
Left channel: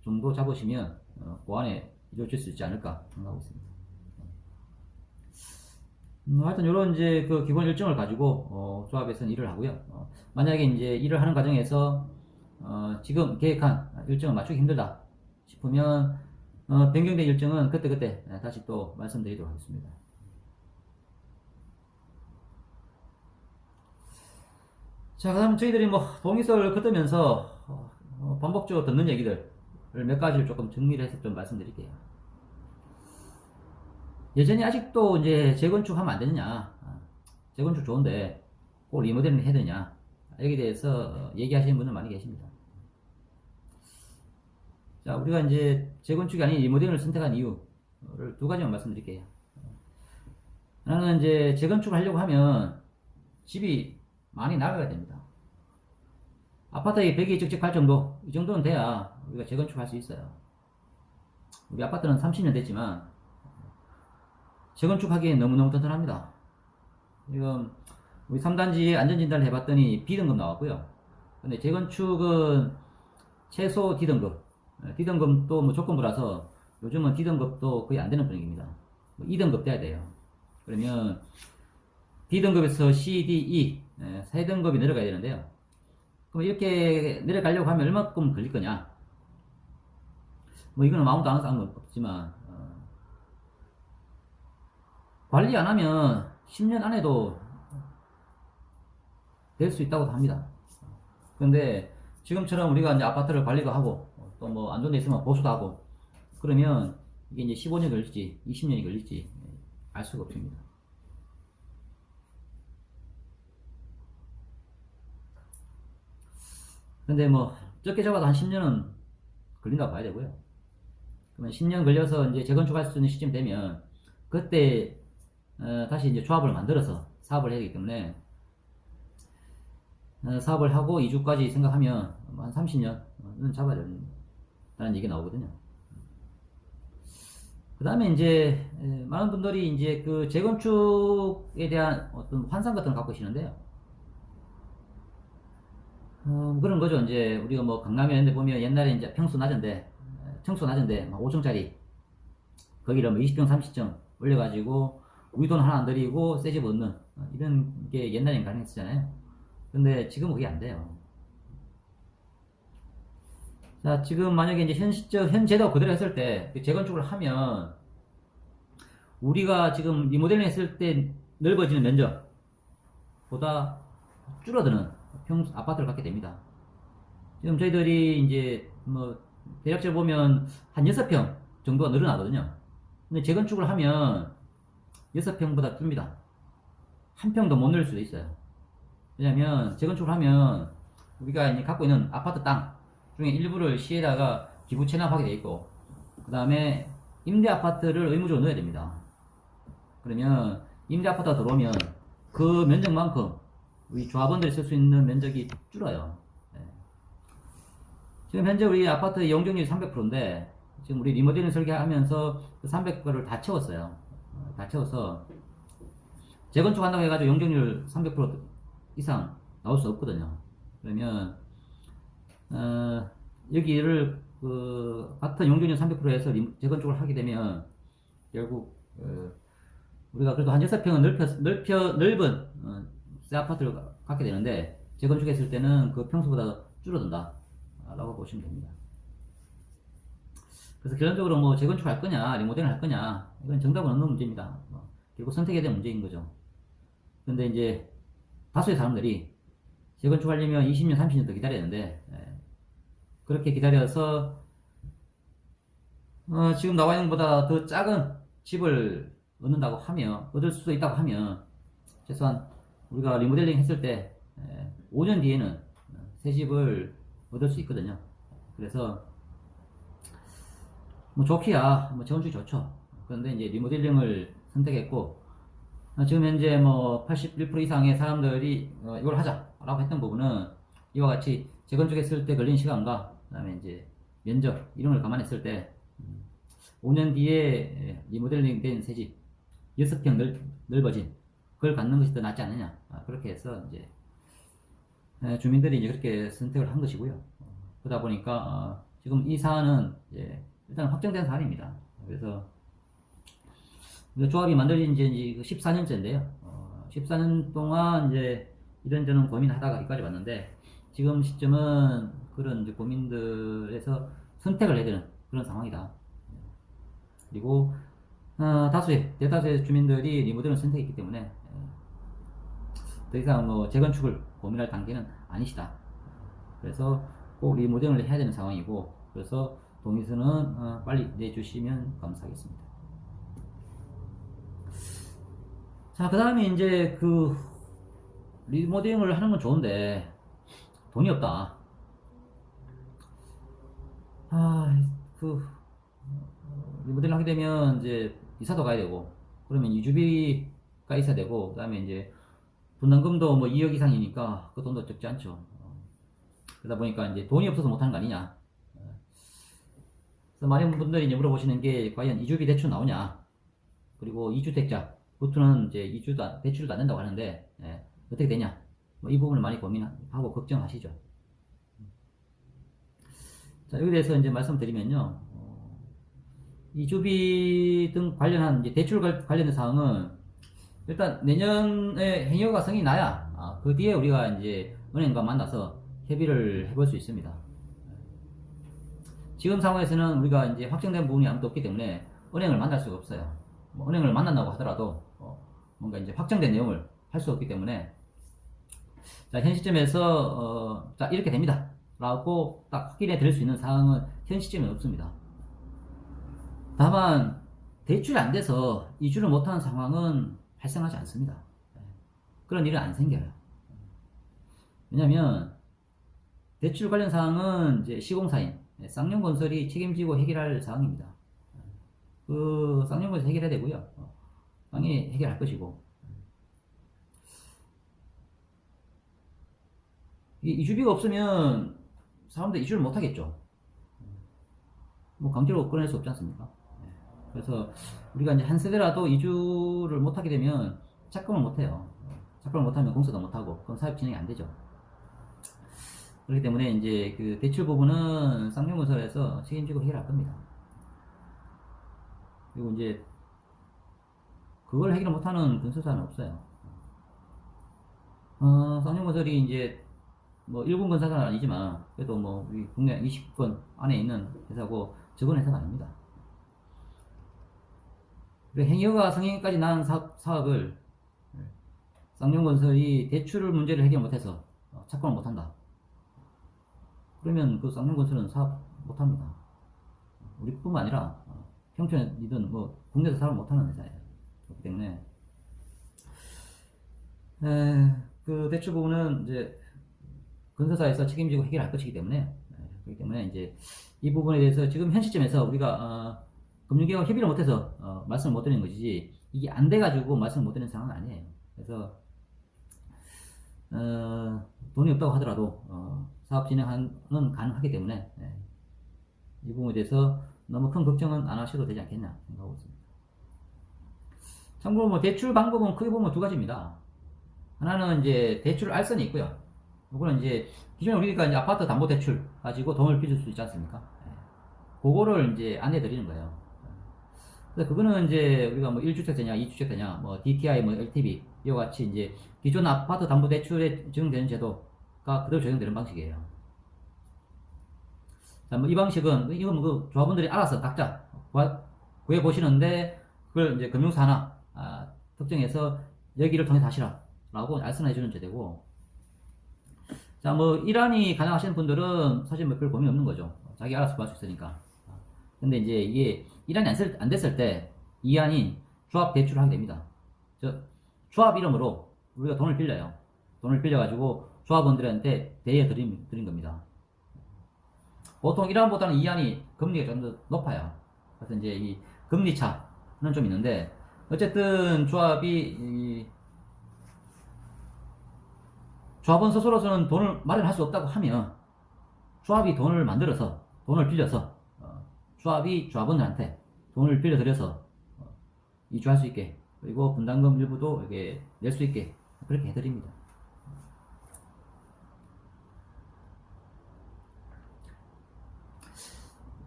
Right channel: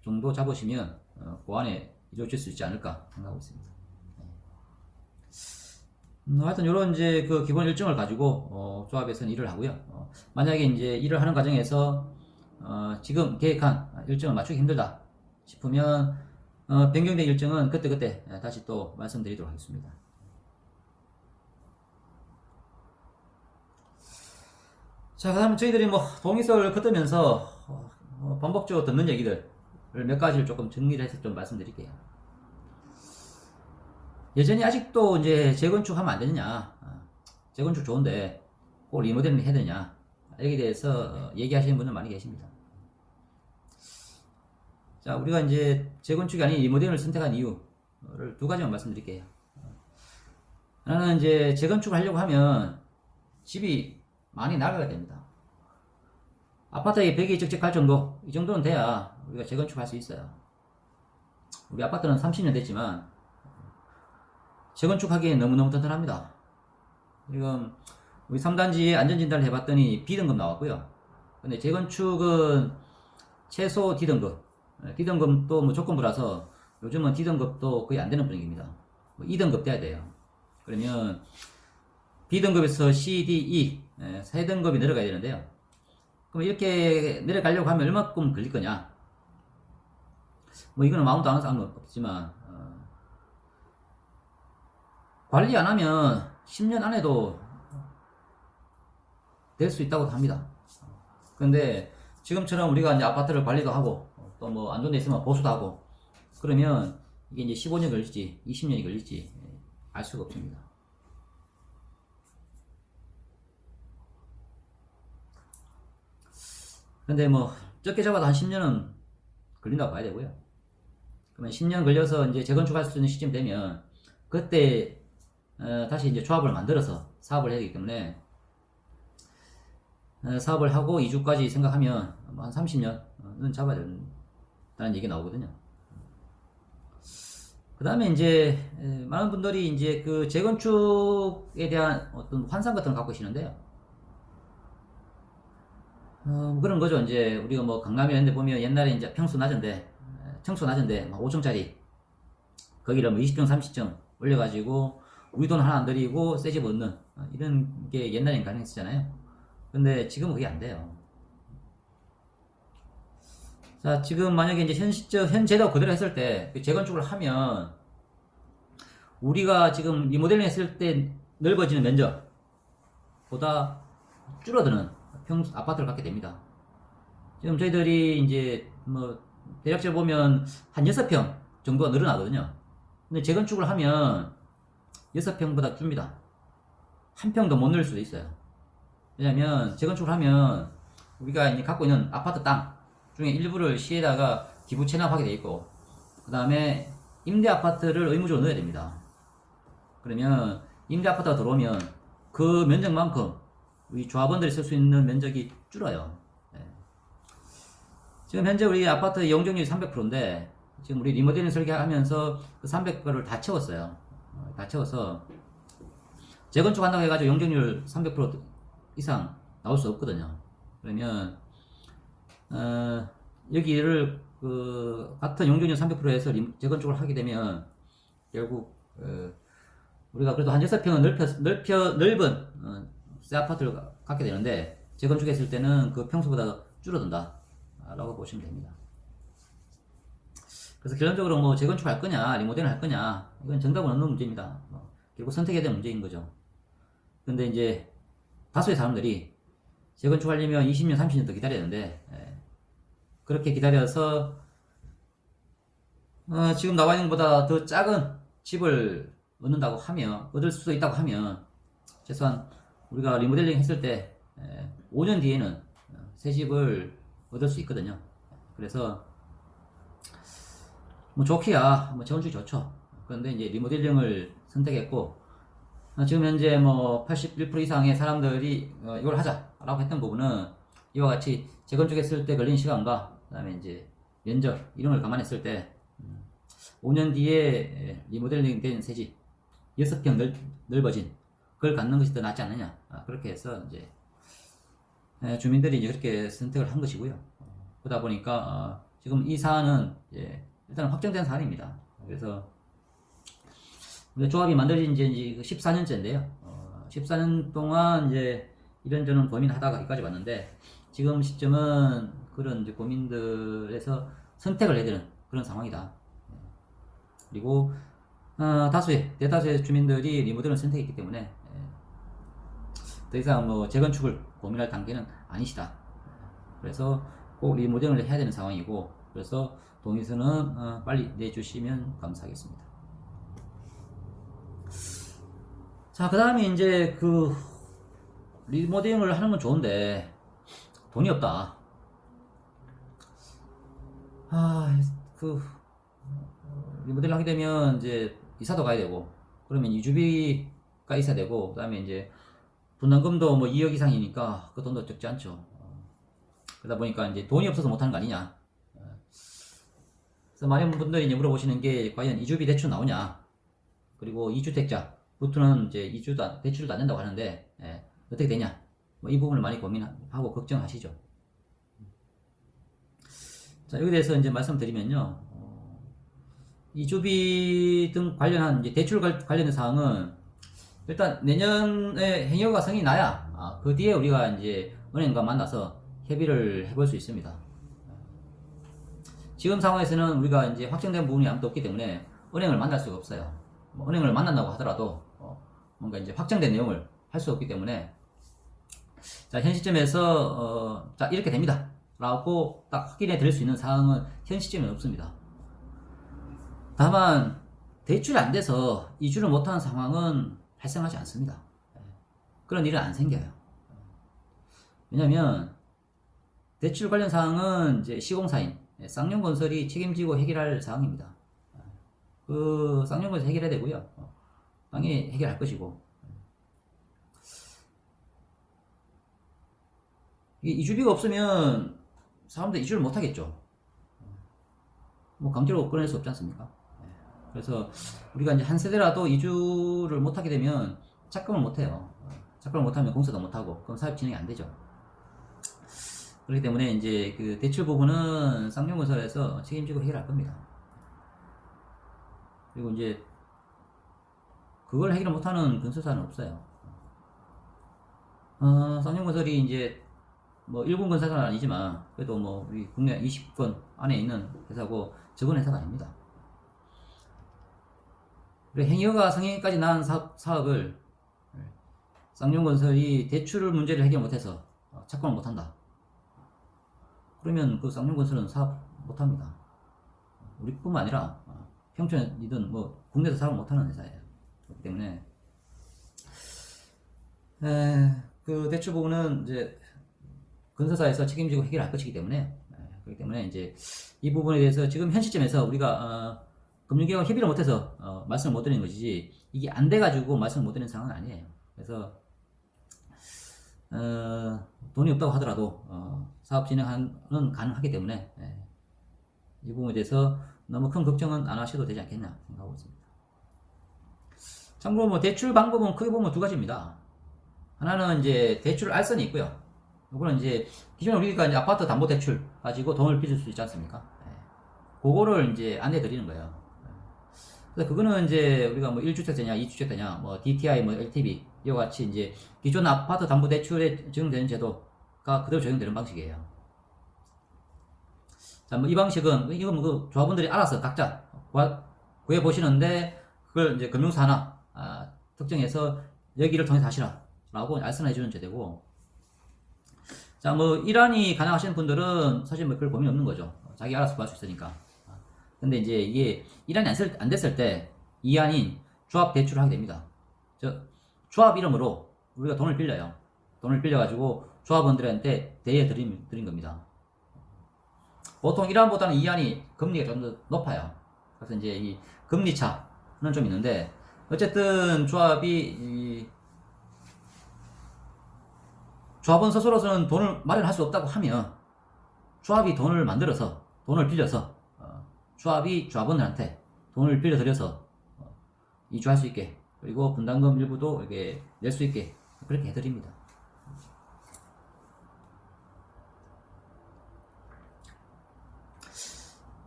정도 잡으시면 그 안에 이루어질 수 있지 않을까 생각하고 있습니다. 하여튼 이런 이제 그 기본 일정을 가지고 조합에서는 일을 하고요. 만약에 이제 일을 하는 과정에서 지금 계획한 일정을 맞추기 힘들다 싶으면 변경된 일정은 그때그때 다시 또 말씀드리도록 하겠습니다. 자, 그럼 저희들이 뭐 동의서를 긋으면서 반복적으로 듣는 얘기들 몇 가지를 조금 정리를 해서 좀 말씀드릴게요. 여전히 아직도 이제 재건축 하면 안 되느냐, 재건축 좋은데 꼭 리모델링 해야 되냐, 여기에 대해서 얘기하시는 분들 많이 계십니다. 자, 우리가 이제 재건축이 아닌 리모델링을 선택한 이유를 두 가지만 말씀드릴게요. 하나는 이제 재건축을 하려고 하면 집이 많이 나가야 됩니다. 아파트에 벽이 쩍쩍 갈 정도, 이 정도는 돼야 우리가 재건축을 할 수 있어요. 우리 아파트는 30년 됐지만 재건축하기엔 너무너무 튼튼합니다. 지금 우리 3단지에 안전진단을 해봤더니 B등급 나왔고요. 근데 재건축은 최소 D등급, D등급도 뭐 조건부라서 요즘은 D등급도 거의 안 되는 분위기입니다. 뭐 2등급 돼야 돼요. 그러면 B등급에서 C, D, E 3등급이 내려가야 되는데요. 그럼 이렇게 내려가려고 하면 얼마큼 걸릴 거냐? 뭐 이거는 아무도 안 해서 안 건 없지만 관리 안 하면 10년 안에도 될 수 있다고 합니다. 그런데 지금처럼 우리가 이제 아파트를 관리도 하고 또 뭐 안 좋은 데 있으면 보수도 하고 그러면 이게 이제 15년 걸릴지 20년이 걸릴지 알 수가 없습니다. 근데 뭐 적게 잡아도 한 10년은 걸린다고 봐야 되고요. 그러면 10년 걸려서 이제 재건축할 수 있는 시점 되면 그때 다시 이제 조합을 만들어서 사업을 해야 되기 때문에 사업을 하고 이주까지 생각하면 한 30년은 잡아야 된다는 얘기 나오거든요. 그 다음에 이제 많은 분들이 이제 그 재건축에 대한 어떤 환상 같은 걸 갖고 계시는데요. 그런 거죠. 이제 우리가 뭐 강남에 있는데 보면 옛날에 이제 평수 낮은데 막 5층짜리 거기를 뭐 20층 30층 올려가지고 우리 돈 하나 안 들이고 새 집 얻는 이런 게 옛날엔 가능했었잖아요. 근데 지금은 그게 안 돼요. 자, 지금 만약에 이제 현 제도 그대로 했을 때 재건축을 하면 우리가 지금 리모델링 했을 때 넓어지는 면적보다 줄어드는 아파트를 갖게 됩니다. 지금 저희들이 이제 뭐 대략적으로 보면 한 6평 정도가 늘어나거든요. 근데 재건축을 하면 6평보다 줍니다. 한 평 더 못 넣을 수도 있어요. 왜냐면 재건축을 하면 우리가 이제 갖고 있는 아파트 땅 중에 일부를 시에다가 기부 체납하게 돼 있고, 그 다음에 임대 아파트를 의무적으로 넣어야 됩니다. 그러면 임대 아파트가 들어오면 그 면적만큼 우리 조합원들이 쓸 수 있는 면적이 줄어요. 네. 지금 현재 우리 아파트 용적률이 300%인데 지금 우리 리모델링 설계하면서 그 300%를 다 채웠어요. 다 채워서 재건축한다고 해가지고 용적률 300% 이상 나올 수 없거든요. 그러면 여기를 같은 용적률 300%에서 재건축을 하게 되면 결국 우리가 그래도 한 6평은 넓은 새 아파트를 갖게 되는데 재건축했을 때는 그 평수보다 줄어든다 라고 보시면 됩니다. 그래서 결론적으로 뭐 재건축할 거냐 리모델을 할 거냐 이건 정답은 없는 문제입니다. 결국 선택해야 될 문제인 거죠. 근데 이제 다수의 사람들이 재건축하려면 20년 30년 더 기다려야 되는데 그렇게 기다려서 지금 나와 있는 것보다 더 작은 집을 얻을 수 있다고 하면 최소한 우리가 리모델링 했을 때 5년 뒤에는 새 집을 얻을 수 있거든요. 그래서 뭐 좋기야 뭐 재건축이 좋죠. 그런데 이제 리모델링을 선택했고 지금 현재 뭐 81% 이상의 사람들이 이걸 하자라고 했던 부분은 이와 같이 재건축했을 때 걸린 시간과 그다음에 이제 면적 이런 걸 감안했을 때 5년 뒤에 리모델링 된 새집 6평 넓어진 그걸 갖는 것이 더 낫지 않느냐 그렇게 해서 이제 주민들이 이제 그렇게 선택을 한 것이고요. 그러다 보니까 지금 이 사안은 일단 확정된 사안입니다. 그래서 우리 조합이 만들어진 지 이제 14년째인데요. 14년 동안 이제 이런저런 고민하다가 여기까지 왔는데 지금 시점은 그런 이제 고민들에서 선택을 해야 되는 그런 상황이다. 그리고 대다수의 주민들이 리모델링을 선택했기 때문에 더 이상 뭐 재건축을 고민할 단계는 아니시다. 그래서 꼭 리모델링을 해야 되는 상황이고 그래서 동의서는 빨리 내주시면 감사하겠습니다. 자, 그 다음에 이제 그 리모델링을 하는 건 좋은데 돈이 없다. 리모델링 하게 되면 이제 이사도 가야 되고 그러면 이주비가 있어야 되고 그 다음에 이제 분담금도 뭐 2억 이상이니까 그 돈도 적지 않죠. 그러다 보니까 이제 돈이 없어서 못하는 거 아니냐. 그래서 많은 분들이 이제 물어보시는 게 과연 이주비 대출 나오냐. 그리고 이주택자부터는 이제 대출도 안 된다고 하는데 어떻게 되냐. 뭐 이 부분을 많이 고민하고 걱정하시죠. 자, 여기에 대해서 이제 말씀드리면요. 이주비 등 관련한 이제 대출 관련된 사항은 일단 내년에 행여가 성이 나야 그 뒤에 우리가 이제 은행과 만나서 협의를 해볼 수 있습니다. 지금 상황에서는 우리가 이제 확정된 부분이 아무도 없기 때문에 은행을 만날 수가 없어요. 은행을 만난다고 하더라도 뭔가 이제 확정된 내용을 할 수 없기 때문에 자, 현 시점에서 자, 이렇게 됩니다 라고 딱 확인해 드릴 수 있는 사항은 현 시점에 없습니다. 다만 대출이 안 돼서 이주를 못하는 상황은 발생하지 않습니다. 그런 일은 안 생겨요. 왜냐면 대출 관련 사항은 이제 시공사인 쌍용건설이 책임지고 해결할 사항입니다. 그 쌍용건설 해결해야 되고요. 당연히 해결할 것이고 이주비가 없으면 사람들 이주를 못 하겠죠. 뭐 강제로 끊어낼 수 없지 않습니까? 그래서 우리가 이제 한 세대라도 이주를 못 하게 되면 착공을 못 해요. 착공을 못 하면 공사도 못 하고 그럼 사업 진행이 안 되죠. 그렇기 때문에 이제 그 대출 부분은 쌍용건설에서 책임지고 해결할 겁니다. 그리고 이제 그걸 해결 못하는 건설사는 없어요. 쌍용건설이 이제 뭐 1군 건설사는 아니지만 그래도 뭐 우리 국내 20군 안에 있는 회사고 적은 회사가 아닙니다. 그리고 행여가 성행까지 나은 사업을 쌍용건설이 대출 문제를 해결 못해서 착공을 못한다. 그러면 그 쌍용건설은 사업 못합니다. 우리뿐만 아니라 평촌이든 뭐 국내에서 사업 못하는 회사예요. 그렇기 때문에 그 대출 부분은 이제 건설사에서 책임지고 해결할 것이기 때문에 그렇기 때문에 이제 이 부분에 대해서 지금 현 시점에서 우리가 금융기관 협의를 못해서 말씀을 못 드리는 것이지 이게 안 돼가지고 말씀을 못 드리는 상황은 아니에요. 그래서 돈이 없다고 하더라도 사업 진행은 가능하기 때문에 이 부분에 대해서 너무 큰 걱정은 안 하셔도 되지 않겠냐 생각하고 있습니다. 참고로 뭐 대출 방법은 크게 보면 두 가지입니다. 하나는 이제 대출 알선이 있고요. 이거는 이제 기존에 우리가 이제 아파트 담보 대출 가지고 돈을 빌릴 수 있지 않습니까? 그거를 이제 안내 드리는 거예요. 그래서 그거는 이제 우리가 뭐 1주택되냐, 2주택되냐, 뭐 DTI, 뭐 LTV 이와 같이 이제 기존 아파트 담보 대출에 적용되는 제도가 그대로 적용되는 방식이에요. 자, 뭐 이 방식은 이건 그 조합원들이 알아서 각자 구해 보시는데 그걸 이제 금융사 하나 특정해서 여기를 통해서 하시라라고 알선해 주는 제도고. 자, 뭐 일환이 가능하시는 분들은 사실 뭐 별 고민 없는 거죠. 자기 알아서 구할 수 있으니까. 근데 이제 이게 일환이 안 됐을 때 이환인 조합 대출을 하게 됩니다. 조합 이름으로 우리가 돈을 빌려요. 돈을 빌려가지고 조합원들한테 대여 드린 겁니다. 보통 1환보다는 2환이 금리가 좀 더 높아요. 그래서 이제 이 금리 차는 좀 있는데 어쨌든 조합원 스스로서는 돈을 마련할 수 없다고 하면 조합이 돈을 만들어서 돈을 빌려서 조합이 조합원들한테 돈을 빌려드려서 이주할 수 있게 그리고 분담금 일부도 이렇게 낼 수 있게 그렇게 해드립니다.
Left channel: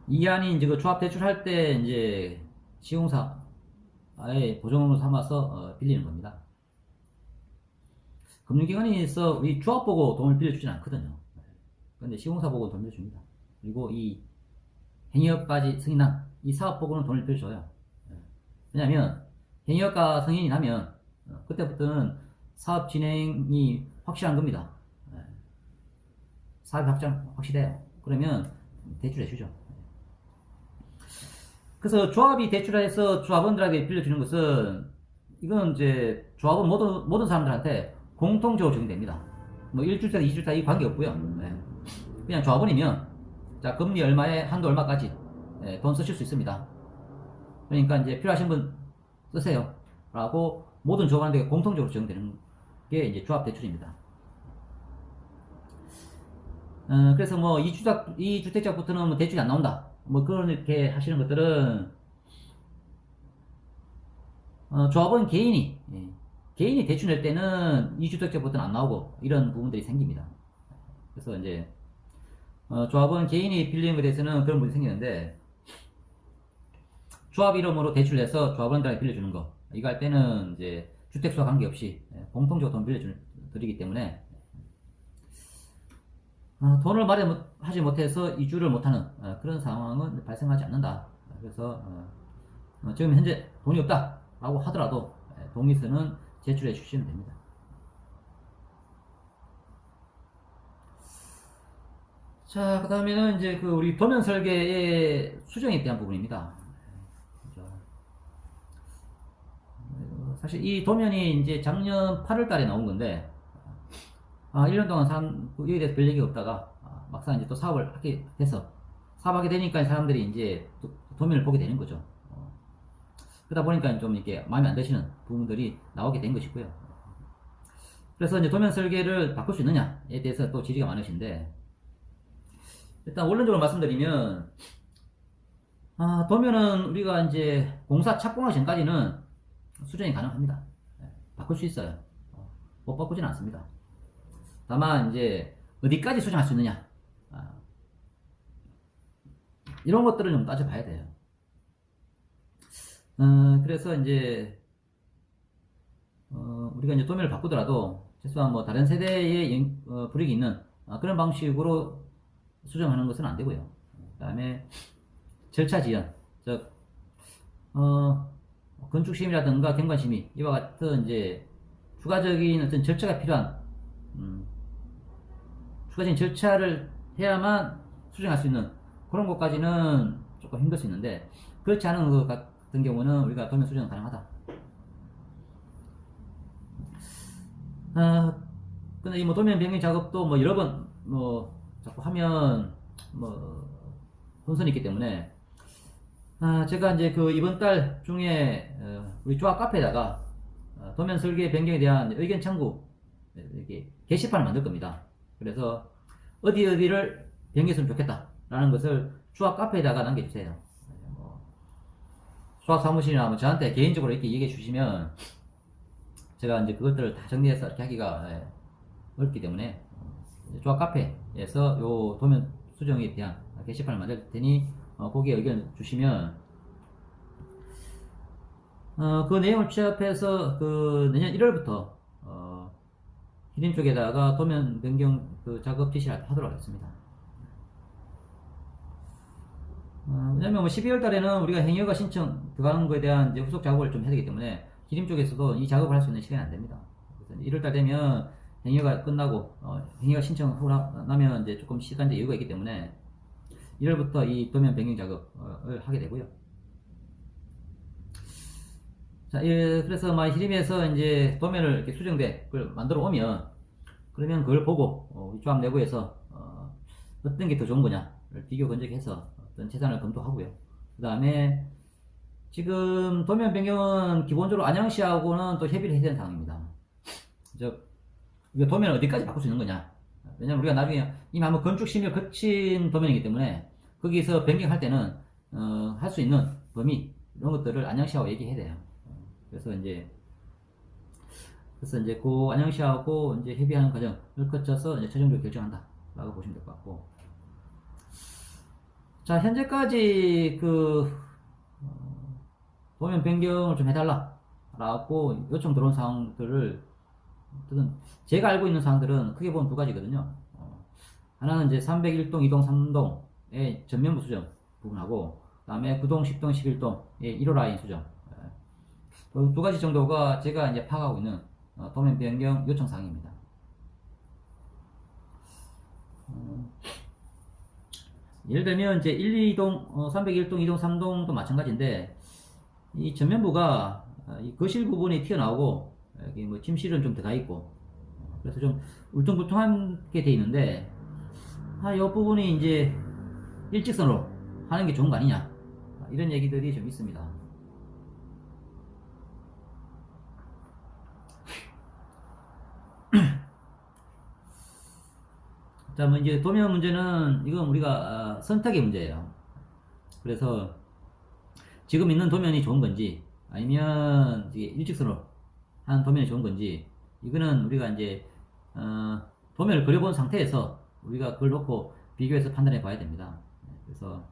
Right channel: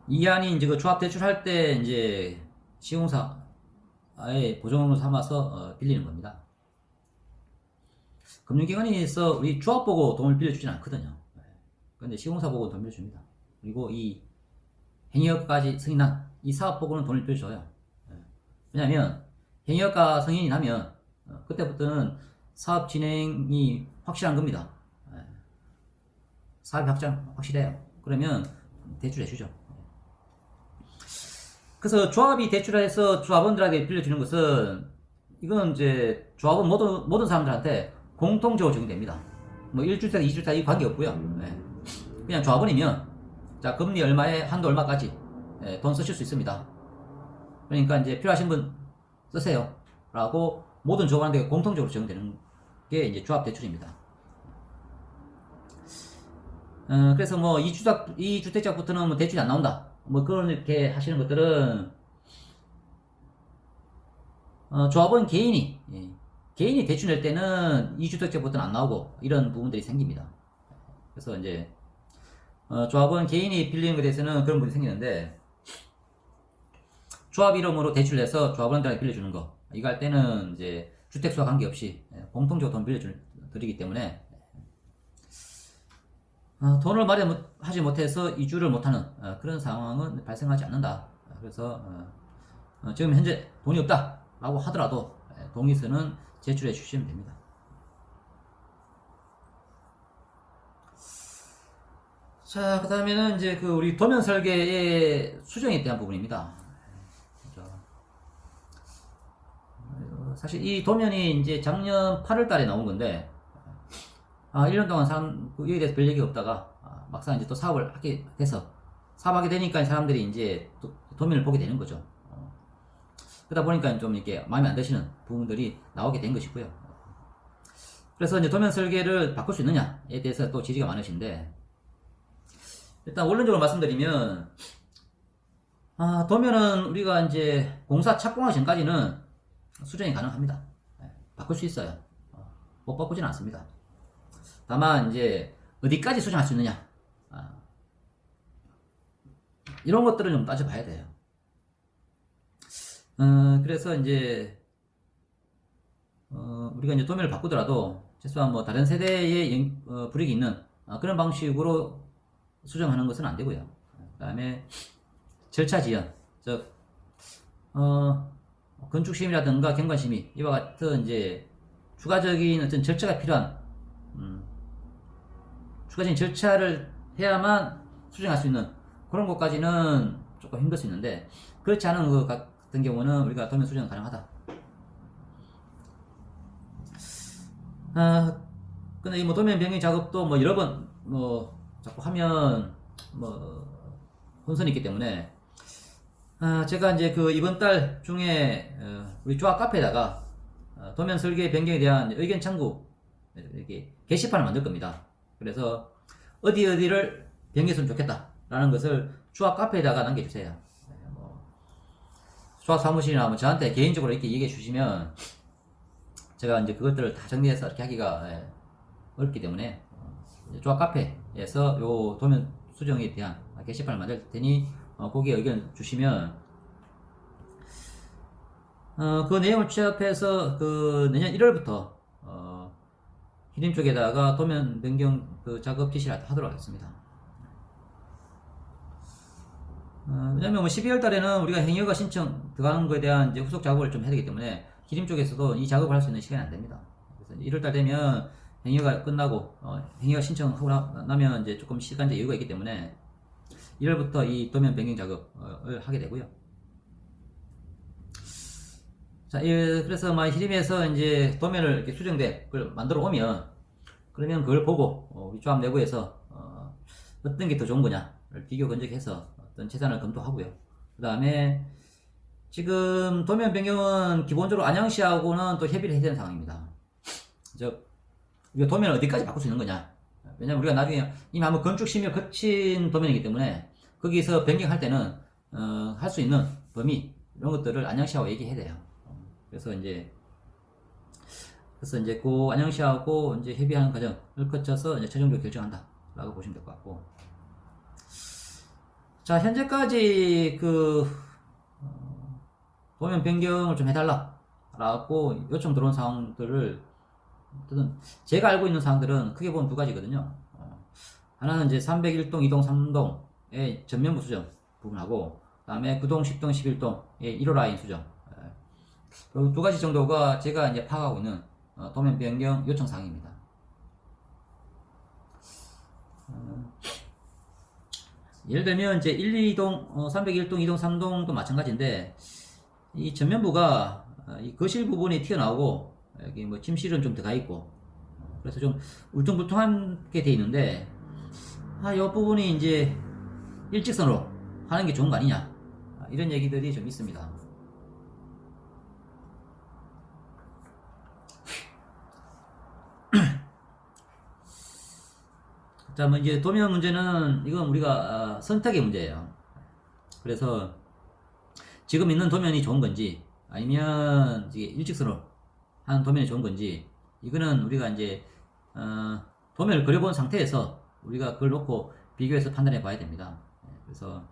이안이 이제 그 조합 대출할 때 이제 시공사의 보증으로 삼아서 빌리는 겁니다. 금융기관에서 우리 조합 보고 돈을 빌려주진 않거든요. 근데 시공사 보고 돈 빌려줍니다. 그리고 이 행위효과까지 승인한 이 사업 보고는 돈을 빌려줘요. 왜냐하면 행위효과 승인이 나면 그때부터는 사업 진행이 확실한 겁니다. 사업이 확실해요. 그러면 대출해 주죠. 그래서 조합이 대출해서 조합원들에게 빌려주는 것은 이건 이제 조합원 모든 사람들한테 공통적으로 적용됩니다. 뭐 1주택, 2주택 이 관계 없고요. 그냥 조합원이면 자 금리 얼마에 한도 얼마까지 돈 쓰실 수 있습니다. 그러니까 이제 필요하신 분 쓰세요. 라고 모든 조합원에게 공통적으로 적용되는 게 이제 조합 대출입니다. 그래서 뭐 2주택자부터는 뭐 대출이 안 나온다. 뭐 그렇게 하시는 것들은 조합원 개인이 대출 낼 때는 2주택자부터는 안 나오고 이런 부분들이 생깁니다. 그래서 이제 조합원 개인이 빌리는 것에 대해서는 그런 부분이 생기는데 조합 이름으로 대출 내서 조합원들에게 빌려주는 거 이거 할 때는 이제 주택수와 관계없이 공통적으로 돈 빌려드리기 때문에 돈을 마련하지 못해서 이주를 못하는 그런 상황은 발생하지 않는다. 그래서 지금 현재 돈이 없다라고 하더라도 동의서는 제출해 주시면 됩니다. 자, 그 다음에는 이제 그 우리 도면 설계의 수정에 대한 부분입니다. 사실 이 도면이 이제 작년 8월 달에 나온 건데 1년 동안 이에 대해서 별 얘기 없다가 막상 이제 또 사업을 사업하게 되니까 사람들이 이제 도면을 보게 되는 거죠. 그러다 보니까 좀 이렇게 마음에 안 드시는 부분들이 나오게 된 것이고요. 그래서 이제 도면 설계를 바꿀 수 있느냐에 대해서 또 지지가 많으신데 일단 원론적으로 말씀드리면 도면은 우리가 이제 공사 착공하기 전까지는 수정이 가능합니다. 바꿀 수 있어요. 못 바꾸지는 않습니다. 다만 이제 어디까지 수정할 수 있느냐 이런 것들을 좀 따져봐야 돼요. 그래서 이제 우리가 이제 도면을 바꾸더라도 최소한 뭐 다른 세대의 불이익이 있는 그런 방식으로 수정하는 것은 안 되고요. 그다음에 절차 지연, 즉 건축심이라든가 경관심의 이와 같은 이제 추가적인 어떤 절차가 필요한 추가적인 절차를 해야만 수정할 수 있는 그런 것까지는 조금 힘들 수 있는데 그렇지 않은 것 같은 경우는 우리가 도면 수정 가능하다. 근데 이 뭐 도면 변경 작업도 뭐 여러 번 뭐 하면 뭐 혼선이 있기 때문에 제가 이제 그 이번 달 중에 우리 조합 카페에다가 도면 설계 변경에 대한 의견 창구 이렇게 게시판을 만들 겁니다. 그래서 어디를 변경했으면 좋겠다라는 것을 조합 카페에다가 남겨주세요. 뭐 조합 사무실이나 뭐 저한테 개인적으로 이렇게 얘기해 주시면 제가 이제 그것들을 다 정리해서 이렇게 하기가 어렵기 때문에 조합 카페에서 요 도면 수정에 대한 게시판을 만들 테니 거기에 의견 주시면 그 내용을 취합해서 그 내년 1월부터 히림 쪽에다가 도면 변경 그 작업 지시를 하도록 하겠습니다. 왜냐면 뭐 12월 달에는 우리가 행여가 신청 들어가는 거에 대한 이제 후속 작업을 좀 해야 되기 때문에 히림 쪽에서도 이 작업을 할 수 있는 시간이 안 됩니다. 그래서 1월 달 되면 행여가 끝나고 행여가 신청하고 나면 이제 조금 시간적 여유가 있기 때문에 1월부터 이 도면 변경 작업을 하게 되고요. 자, 그래서 히림에서 이제 도면을 이렇게 수정된 걸 만들어 오면 그러면 그걸 보고 우리 조합 내부에서 어떤 게 더 좋은 거냐를 비교 건적해서 어떤 재산을 검토하고요. 그 다음에 지금 도면 변경은 기본적으로 안양시하고는 또 협의를 해야 되는 상황입니다. 우리가 도면을 어디까지 바꿀 수 있는 거냐. 왜냐면 우리가 나중에 이미 한번 건축 심의를 거친 도면이기 때문에 거기서 변경할 때는 할 수 있는 범위 이런 것들을 안양시하고 얘기해야 돼요. 그래서 이제 그 안양시하고 이제 협의하는 과정을 거쳐서 이제 최종적으로 결정한다라고 보시면 될 것 같고. 자, 현재까지 그 도면 변경을 좀 해달라라고 요청 들어온 사항들을 제가 알고 있는 사항들은 크게 보면 두 가지거든요. 하나는 이제 301동, 2동, 3동의 전면부 수정 부분하고, 그 다음에 9동, 10동, 11동의 1호 라인 수정. 그 두 가지 정도가 제가 이제 파악하고 있는 도면 변경 요청 사항입니다. 예를 들면 이제 1, 2동, 301동, 2동, 3동도 마찬가지인데 이 전면부가 이 거실 부분이 튀어나오고 여기 뭐 침실은 좀 들어가 있고 그래서 좀 울퉁불퉁하게 돼 있는데 이 부분이 이제 일직선으로 하는 게 좋은 거 아니냐 이런 얘기들이 좀 있습니다. 자, 뭐 이제 도면 문제는 이건 우리가 선택의 문제예요. 그래서 지금 있는 도면이 좋은 건지 아니면 일직선으로 하는 도면이 좋은 건지 이거는 우리가 이제 도면을 그려본 상태에서 우리가 그걸 놓고 비교해서 판단해 봐야 됩니다. 그래서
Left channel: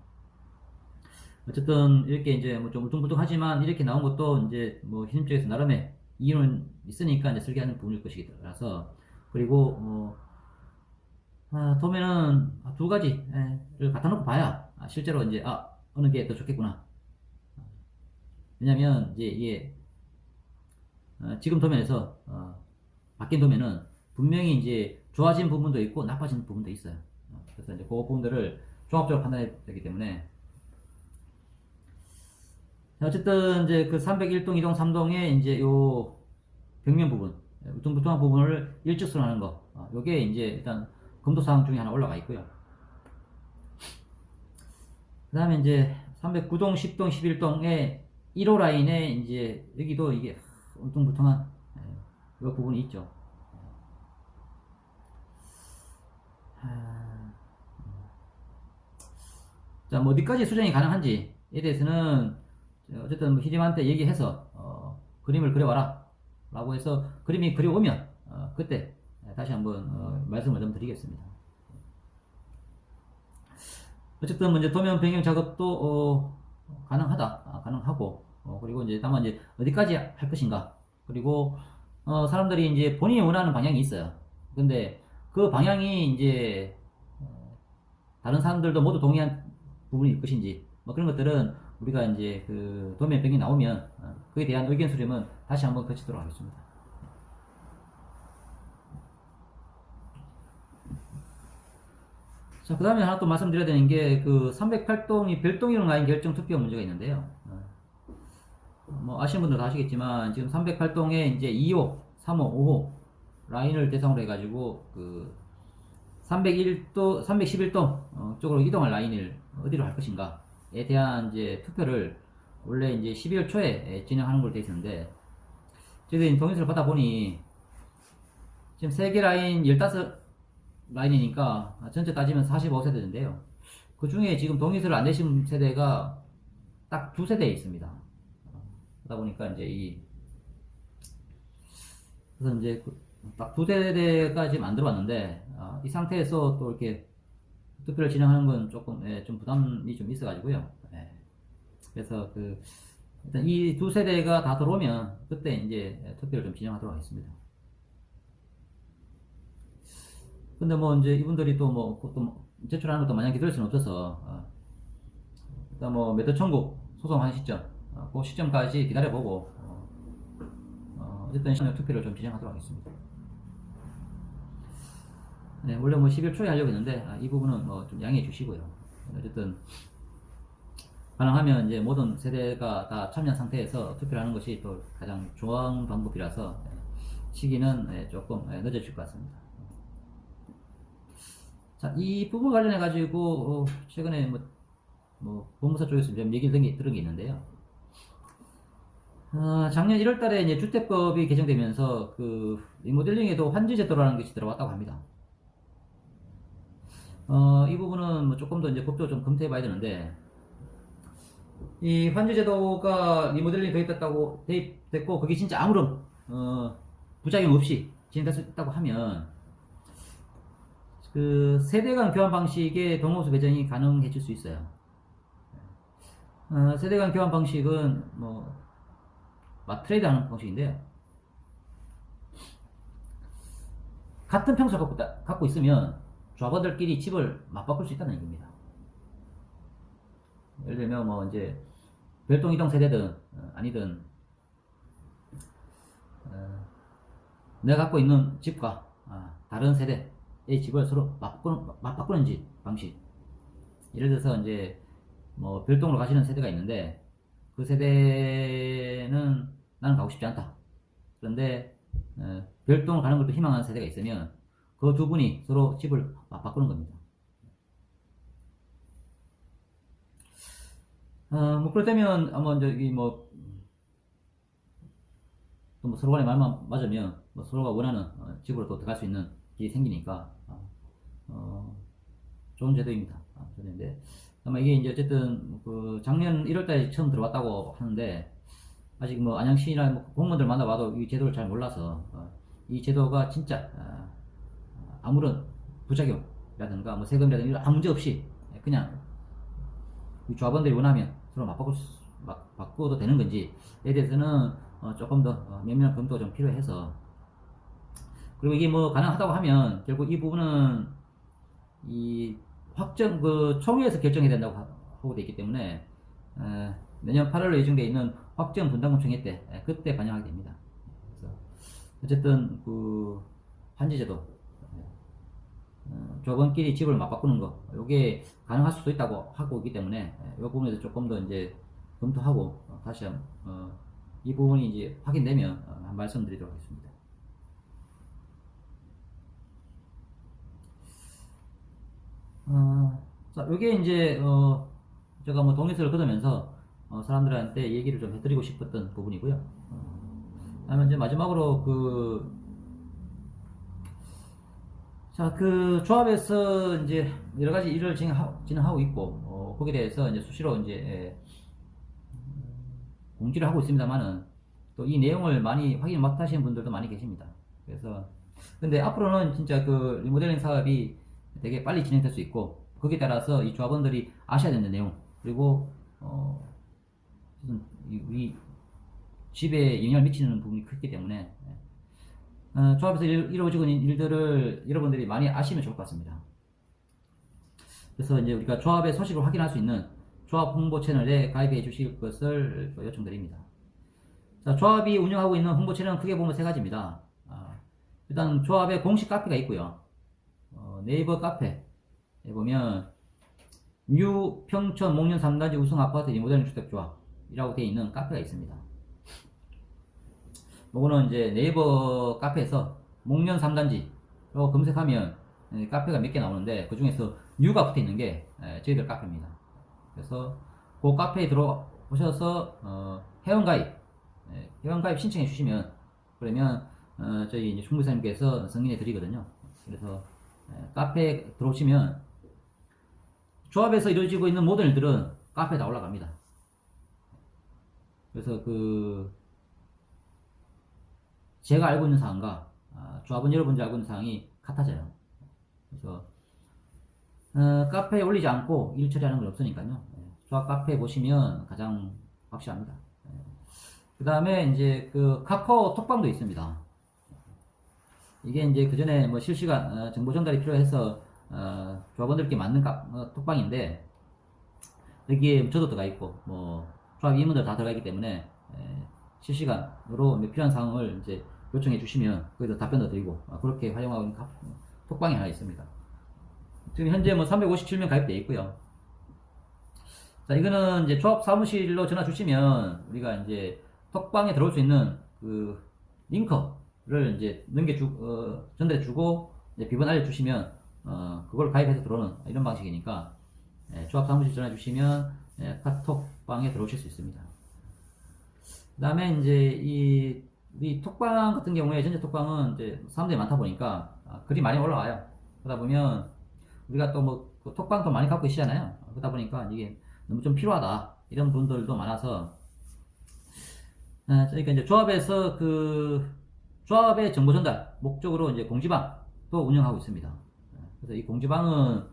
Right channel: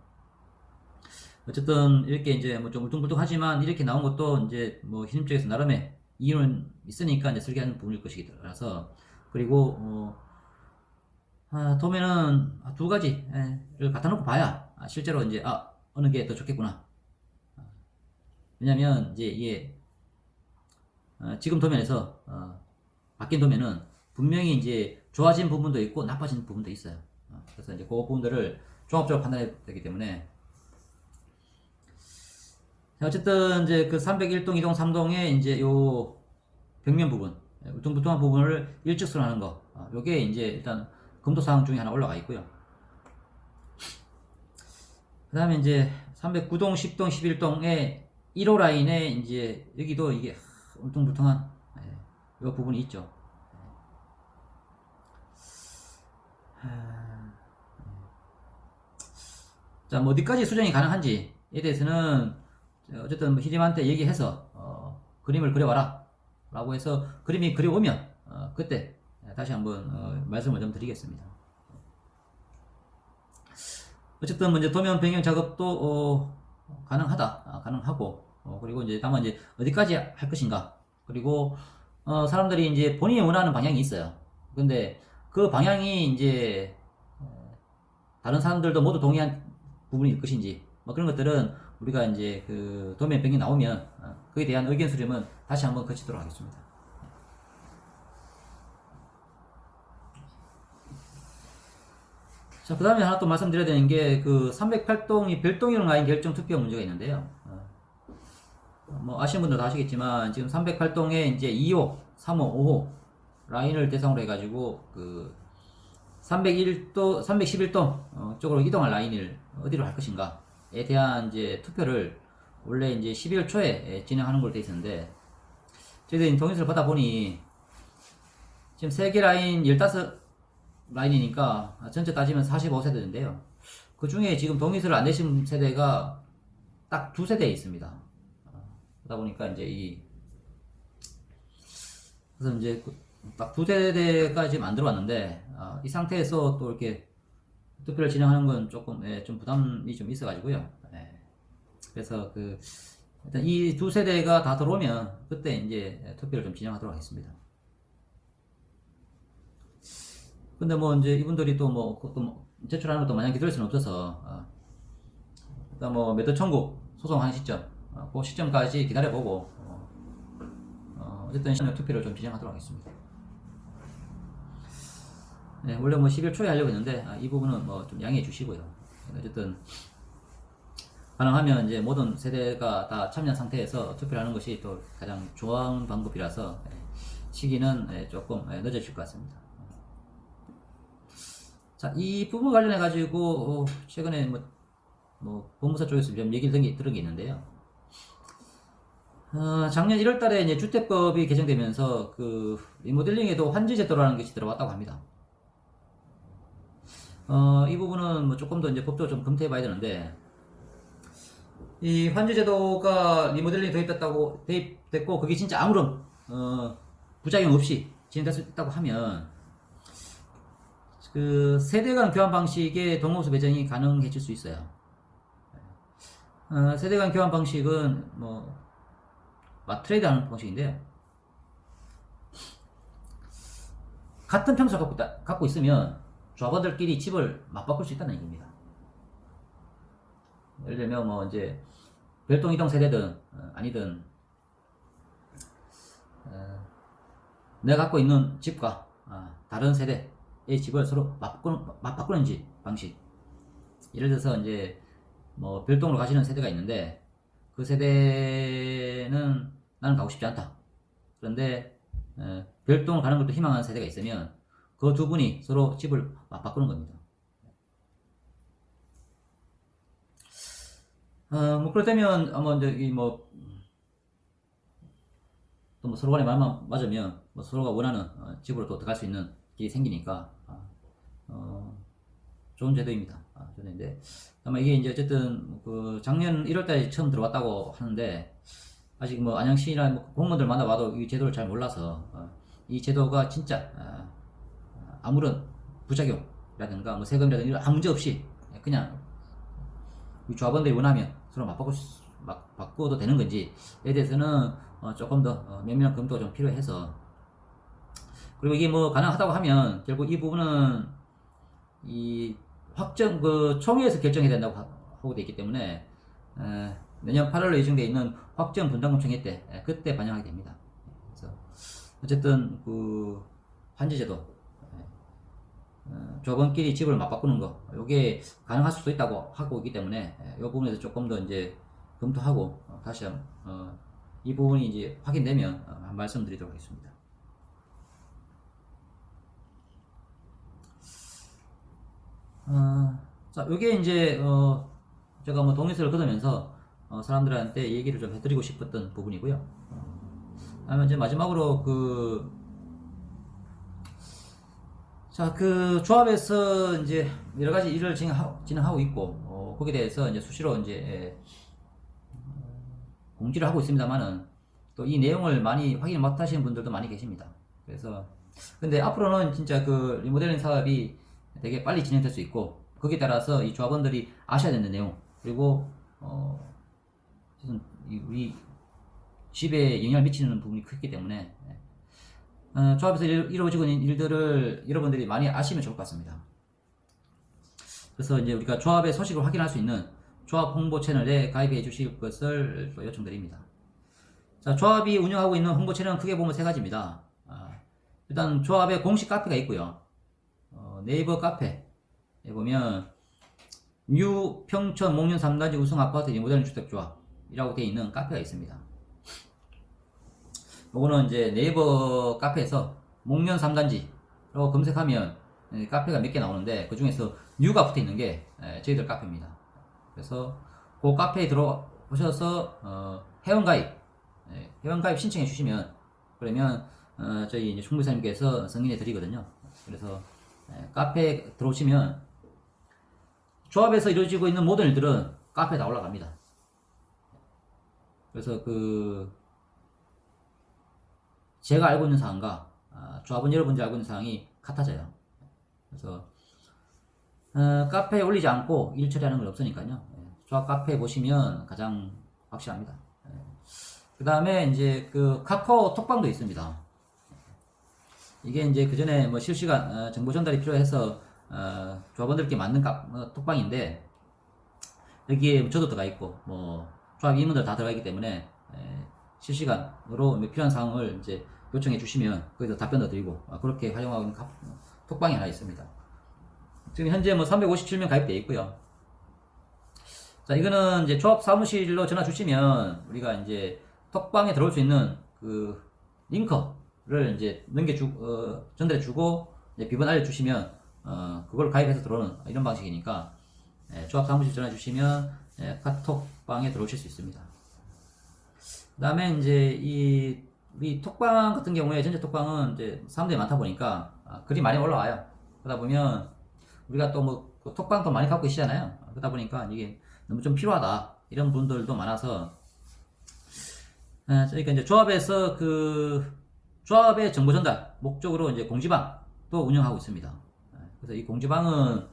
어쨌든 이렇게 이제 뭐 좀 울퉁불퉁하지만 이렇게 나온 것도 이제 뭐 히림 쪽에서 나름의 이유는 있으니까 이제 설계하는 부분일 것이라서 그리고 도면은 두 가지를 갖다 놓고 봐야 실제로 이제 어느 게 더 좋겠구나. 왜냐면 이제 이게 지금 도면에서 바뀐 도면은 분명히 이제 좋아진 부분도 있고 나빠진 부분도 있어요. 그래서 이제 그 부분들을 종합적으로 판단해야 되기 때문에 어쨌든 이제 그 301동, 2동, 3동의 이제 요 벽면 부분, 울퉁불퉁한 부분을 일직선으로 하는 거, 요게 이제 일단 검토 사항 중에 하나 올라가 있고요. 그 다음에 이제 309동, 10동, 11동의 1호 라인에 이제 여기도 이게 울퉁불퉁한 이 부분이 있죠. 자, 뭐 어디까지 수정이 가능한지에 대해서는 어쨌든 뭐 히림한테 얘기해서 그림을 그려와라 라고 해서 그림이 그려오면 그때 다시 한번 말씀을 좀 드리겠습니다. 어쨌든 뭐 이제 도면 변경 작업도 가능하고 그리고 이제 다만 이제 어디까지 할 것인가 그리고 사람들이 이제 본인이 원하는 방향이 있어요. 근데 그 방향이 이제 다른 사람들도 모두 동의한 부분일 것인지 뭐 그런 것들은 우리가 이제 그 도면 변경이 나오면 그에 대한 의견 수렴은 다시 한번 거치도록 하겠습니다. 자, 그 다음에 하나 또 말씀드려야 되는 게 그 308동이 별동형 라인 결정 투표 문제가 있는데요. 뭐 아시는 분들도 아시겠지만 지금 308동에 이제 2호, 3호, 5호 라인을 대상으로 해가지고 그 301동, 311동 쪽으로 이동할 라인을 어디로 할 것인가에 대한 이제 투표를 원래 이제 12월 초에 진행하는 걸로 돼 있었는데, 저희들이 동의서를 보다 보니 지금 세개 라인 15 라인이니까 전체 따지면 45세대인데요. 그 중에 지금 동의서를 안 내신 세대가 딱 2세대 있습니다. 그러다 보니까 이제 그래서 이제 딱 2세대가 지금 안 들어왔는데, 이 상태에서 또 이렇게 투표를 진행하는 건 조금 좀 부담이 좀 있어가지고요. 그래서 일단 이 2세대가 다 들어오면 그때 이제 투표를 좀 진행하도록 하겠습니다. 근데 뭐 이제 이분들이 또 제출하는 것도 마냥 기다릴 수는 없어서, 일단 뭐 매도 청구 소송하는 시점, 그 시점까지 기다려보고, 어쨌든 투표를 좀 진행하도록 하겠습니다. 네, 원래 뭐 12월 초에 하려고 했는데, 이 부분은 뭐 좀 양해해 주시고요. 어쨌든 가능하면 이제 모든 세대가 다 참여한 상태에서 투표를 하는 것이 더 가장 좋은 방법이라서, 시기는 조금 늦어질 것 같습니다. 자, 이 부분 관련해 가지고 최근에 법무사 쪽에서 좀 얘기를 들은 게 있는데요. 작년 1월 달에 이제 주택법이 개정되면서 리모델링에도 환지 제도라는 것이 들어왔다고 합니다. 이 부분은 뭐 조금 더 이제 법적으로 좀 검토해 봐야 되는데, 이 환지 제도가 리모델링이 됐고 그게 진짜 아무런 부작용 없이 진행됐다고 하면 세대 간 교환 방식의 동호수 배정이 가능해질 수 있어요. 세대 간 교환 방식은 트레이드 하는 방식인데요. 같은 평수를 갖고 있으면 조합원들끼리 집을 맞바꿀 수 있다는 얘기입니다. 예를 들면 이제 별동 이동 세대든 아니든 내가 갖고 있는 집과 다른 세대의 집을 서로 맞바꾸는 방식. 예를 들어서 이제 별동으로 가시는 세대가 있는데, 그 세대는 나는 가고 싶지 않다. 그런데 별동으로 가는 것도 희망하는 세대가 있으면 그 두 분이 서로 집을 맞바꾸는 겁니다. 그렇다면 또 서로 간에 마음만 맞으면 서로가 원하는 집으로 또 들어갈 수 있는 게 생기니까 좋은 제도입니다. 제도인데 아마 이게 이제 어쨌든 작년 1월달에 처음 들어왔다고 하는데, 아직 안양시나 공무원들 만나봐도 이 제도를 잘 몰라서 이 제도가 진짜 아무런 부작용이라든가 세금이라든가 이런 아무 문제 없이 그냥 이 조합원들이 원하면 서로 바꿔도 되는 건지에 대해서는 조금 더 면밀한 검토가 좀 필요해서, 그리고 이게 가능하다고 하면 결국 이 부분은 이 확정 총회에서 결정해야 된다고 하고 있기 때문에 내년 8월에 예정되어 있는 확정 분담금 총회 때 그때 반영하게 됩니다. 그래서 어쨌든 환지제도 조합원끼리 집을 맞바꾸는 거, 이게 가능할 수도 있다고 하고 있기 때문에 이 부분에서 조금 더 이제 검토하고 다시 이 부분이 이제 확인되면 말씀드리도록 하겠습니다. 자, 요게 이제 제가 동의서를 거두면서 사람들한테 얘기를 좀 해드리고 싶었던 부분이고요. 그다음에 이제 마지막으로 조합에서 이제 여러 가지 일을 진행하고 있고, 거기에 대해서 이제 수시로 이제 공지를 하고 있습니다만은 또 이 내용을 많이 확인을 못 하시는 분들도 많이 계십니다. 그래서 근데 앞으로는 진짜 리모델링 사업이 되게 빨리 진행될 수 있고, 거기에 따라서 이 조합원들이 아셔야 되는 내용, 그리고 우리 집에 영향을 미치는 부분이 크기 때문에 조합에서 이루어지고 있는 일들을 여러분들이 많이 아시면 좋을 것 같습니다. 그래서 이제 우리가 조합의 소식을 확인할 수 있는 조합 홍보 채널에 가입해 주실 것을 또 요청드립니다. 자, 조합이 운영하고 있는 홍보 채널은 크게 보면 세 가지입니다. 일단 조합의 공식 카페가 있고요. 네이버 카페에 보면 뉴 평촌 목련 3단지 우성 아파트 리모델링 주택조합이라고 되어 있는 카페가 있습니다. 요거는 이제 네이버 카페에서 목련 3단지로 검색하면 카페가 몇 개 나오는데 그 중에서 뉴가 붙어 있는 게 저희들 카페입니다. 그래서 그 카페에 들어오셔서 회원가입 회원가입 신청해 주시면 그러면 저희 이제 총무사님께서 승인해 드리거든요. 그래서 카페에 들어오시면 조합에서 이루어지고 있는 모든 일들은 카페에 다 올라갑니다. 그래서 제가 알고 있는 사항과 조합원 여러분들이 알고 있는 사항이 같아져요. 그래서 카페에 올리지 않고 일 처리하는 건 없으니까요. 조합 카페 보시면 가장 확실합니다. 그 다음에 이제 그 카카오 톡방도 있습니다. 이게 이제 그 전에 뭐 실시간 정보 전달이 필요해서 조합원들께 맞는 톡방인데 여기에 저도 들어가 있고 뭐 조합 임원들 다 들어가 있기 때문에 실시간으로 필요한 사항을 이제 요청해 주시면 거기서 답변도 드리고 그렇게 활용하고 있는 톡방이 하나 있습니다. 지금 현재 뭐 357명 가입되어 있고요. 자, 이거는 이제 조합 사무실로 전화 주시면 우리가 이제 톡방에 들어올 수 있는 그 링크를 이제 전달해 주고 이제 비번 알려주시면 그걸 가입해서 들어오는 이런 방식이니까 조합 사무실 전화 주시면 카톡방에 들어오실 수 있습니다. 그 다음에 이제 이 톡방 같은 경우에 전체 톡방은 이제 사람들이 많다 보니까 글이 많이 올라와요. 그러다 보면 우리가 또 뭐 톡방도 많이 갖고 계시잖아요. 그러다 보니까 이게 너무 좀 필요하다 이런 분들도 많아서 그러니까 이제 조합에서 조합의 정보 전달 목적으로 이제 공지방도 운영하고 있습니다. 그래서 이 공지방은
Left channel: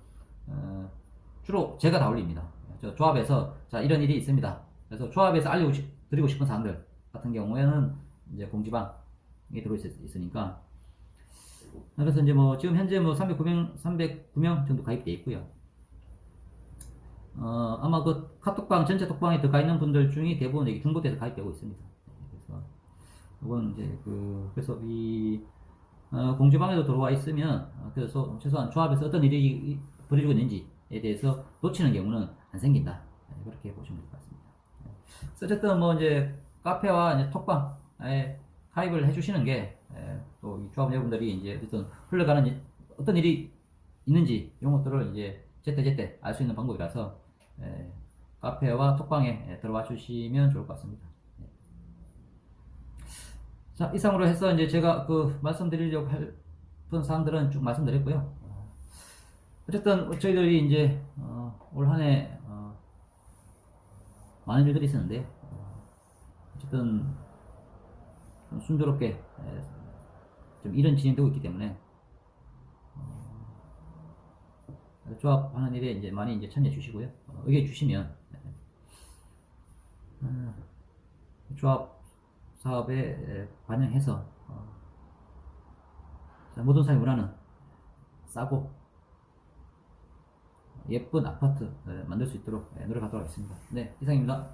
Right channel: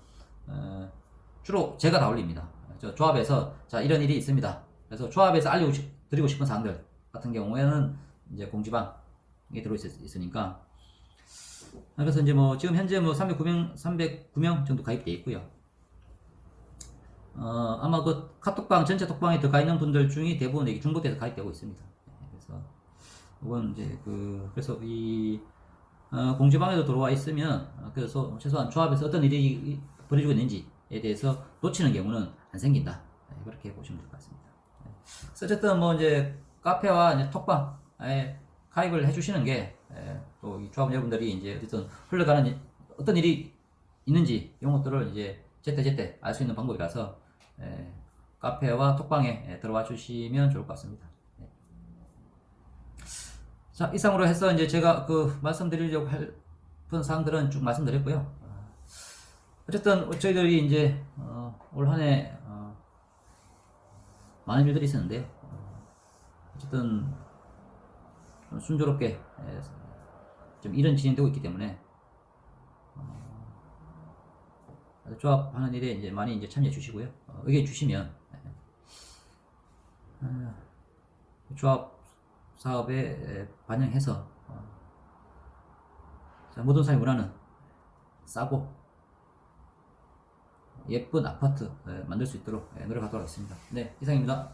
주로 제가 다 올립니다. 저 조합에서 자 이런 일이 있습니다. 그래서 조합에서 알려드리고 싶은 사항들 같은 경우에는 이제 공지방에 들어 있으니까 그래서 이제 뭐 지금 현재 뭐 309명 정도 가입되어 있고요. 아마 그 카톡방 전체 톡방에 들어가 있는 분들 중에 대부분 중복돼서 가입되고 있습니다. 그래서 이건 이제 그래서 이 공지방에도 들어와 있으면 그래서 최소한 조합에서 어떤 일이 벌어지고 있는지에 대해서 놓치는 경우는 안 생긴다. 그렇게 보시면 될 것 같습니다. 어쨌든 뭐 이제 카페와 이제 톡방에 가입을 해주시는 게 또 이 조합 여러분들이 이제 어쨌든 흘러가는 어떤 일이 있는지 이런 것들을 이제 제때 알 수 있는 방법이라서 카페와 톡방에 들어와 주시면 좋을 것 같습니다. 자, 이상으로 해서 이제 제가 말씀드리려고 했던 사항들은 쭉 말씀드렸고요. 어쨌든 저희들이 이제 올 한해 많은 일들이 있었는데 어쨌든 순조롭게 좀 일은 진행되고 있기 때문에 조합하는 일에 이제 많이 이제 참여해 주시고요. 의견 주시면 조합 사업에 반영해서 모든 사람이 원하는 싸고 예쁜 아파트 만들 수 있도록 노력하도록 하겠습니다. 네, 이상입니다.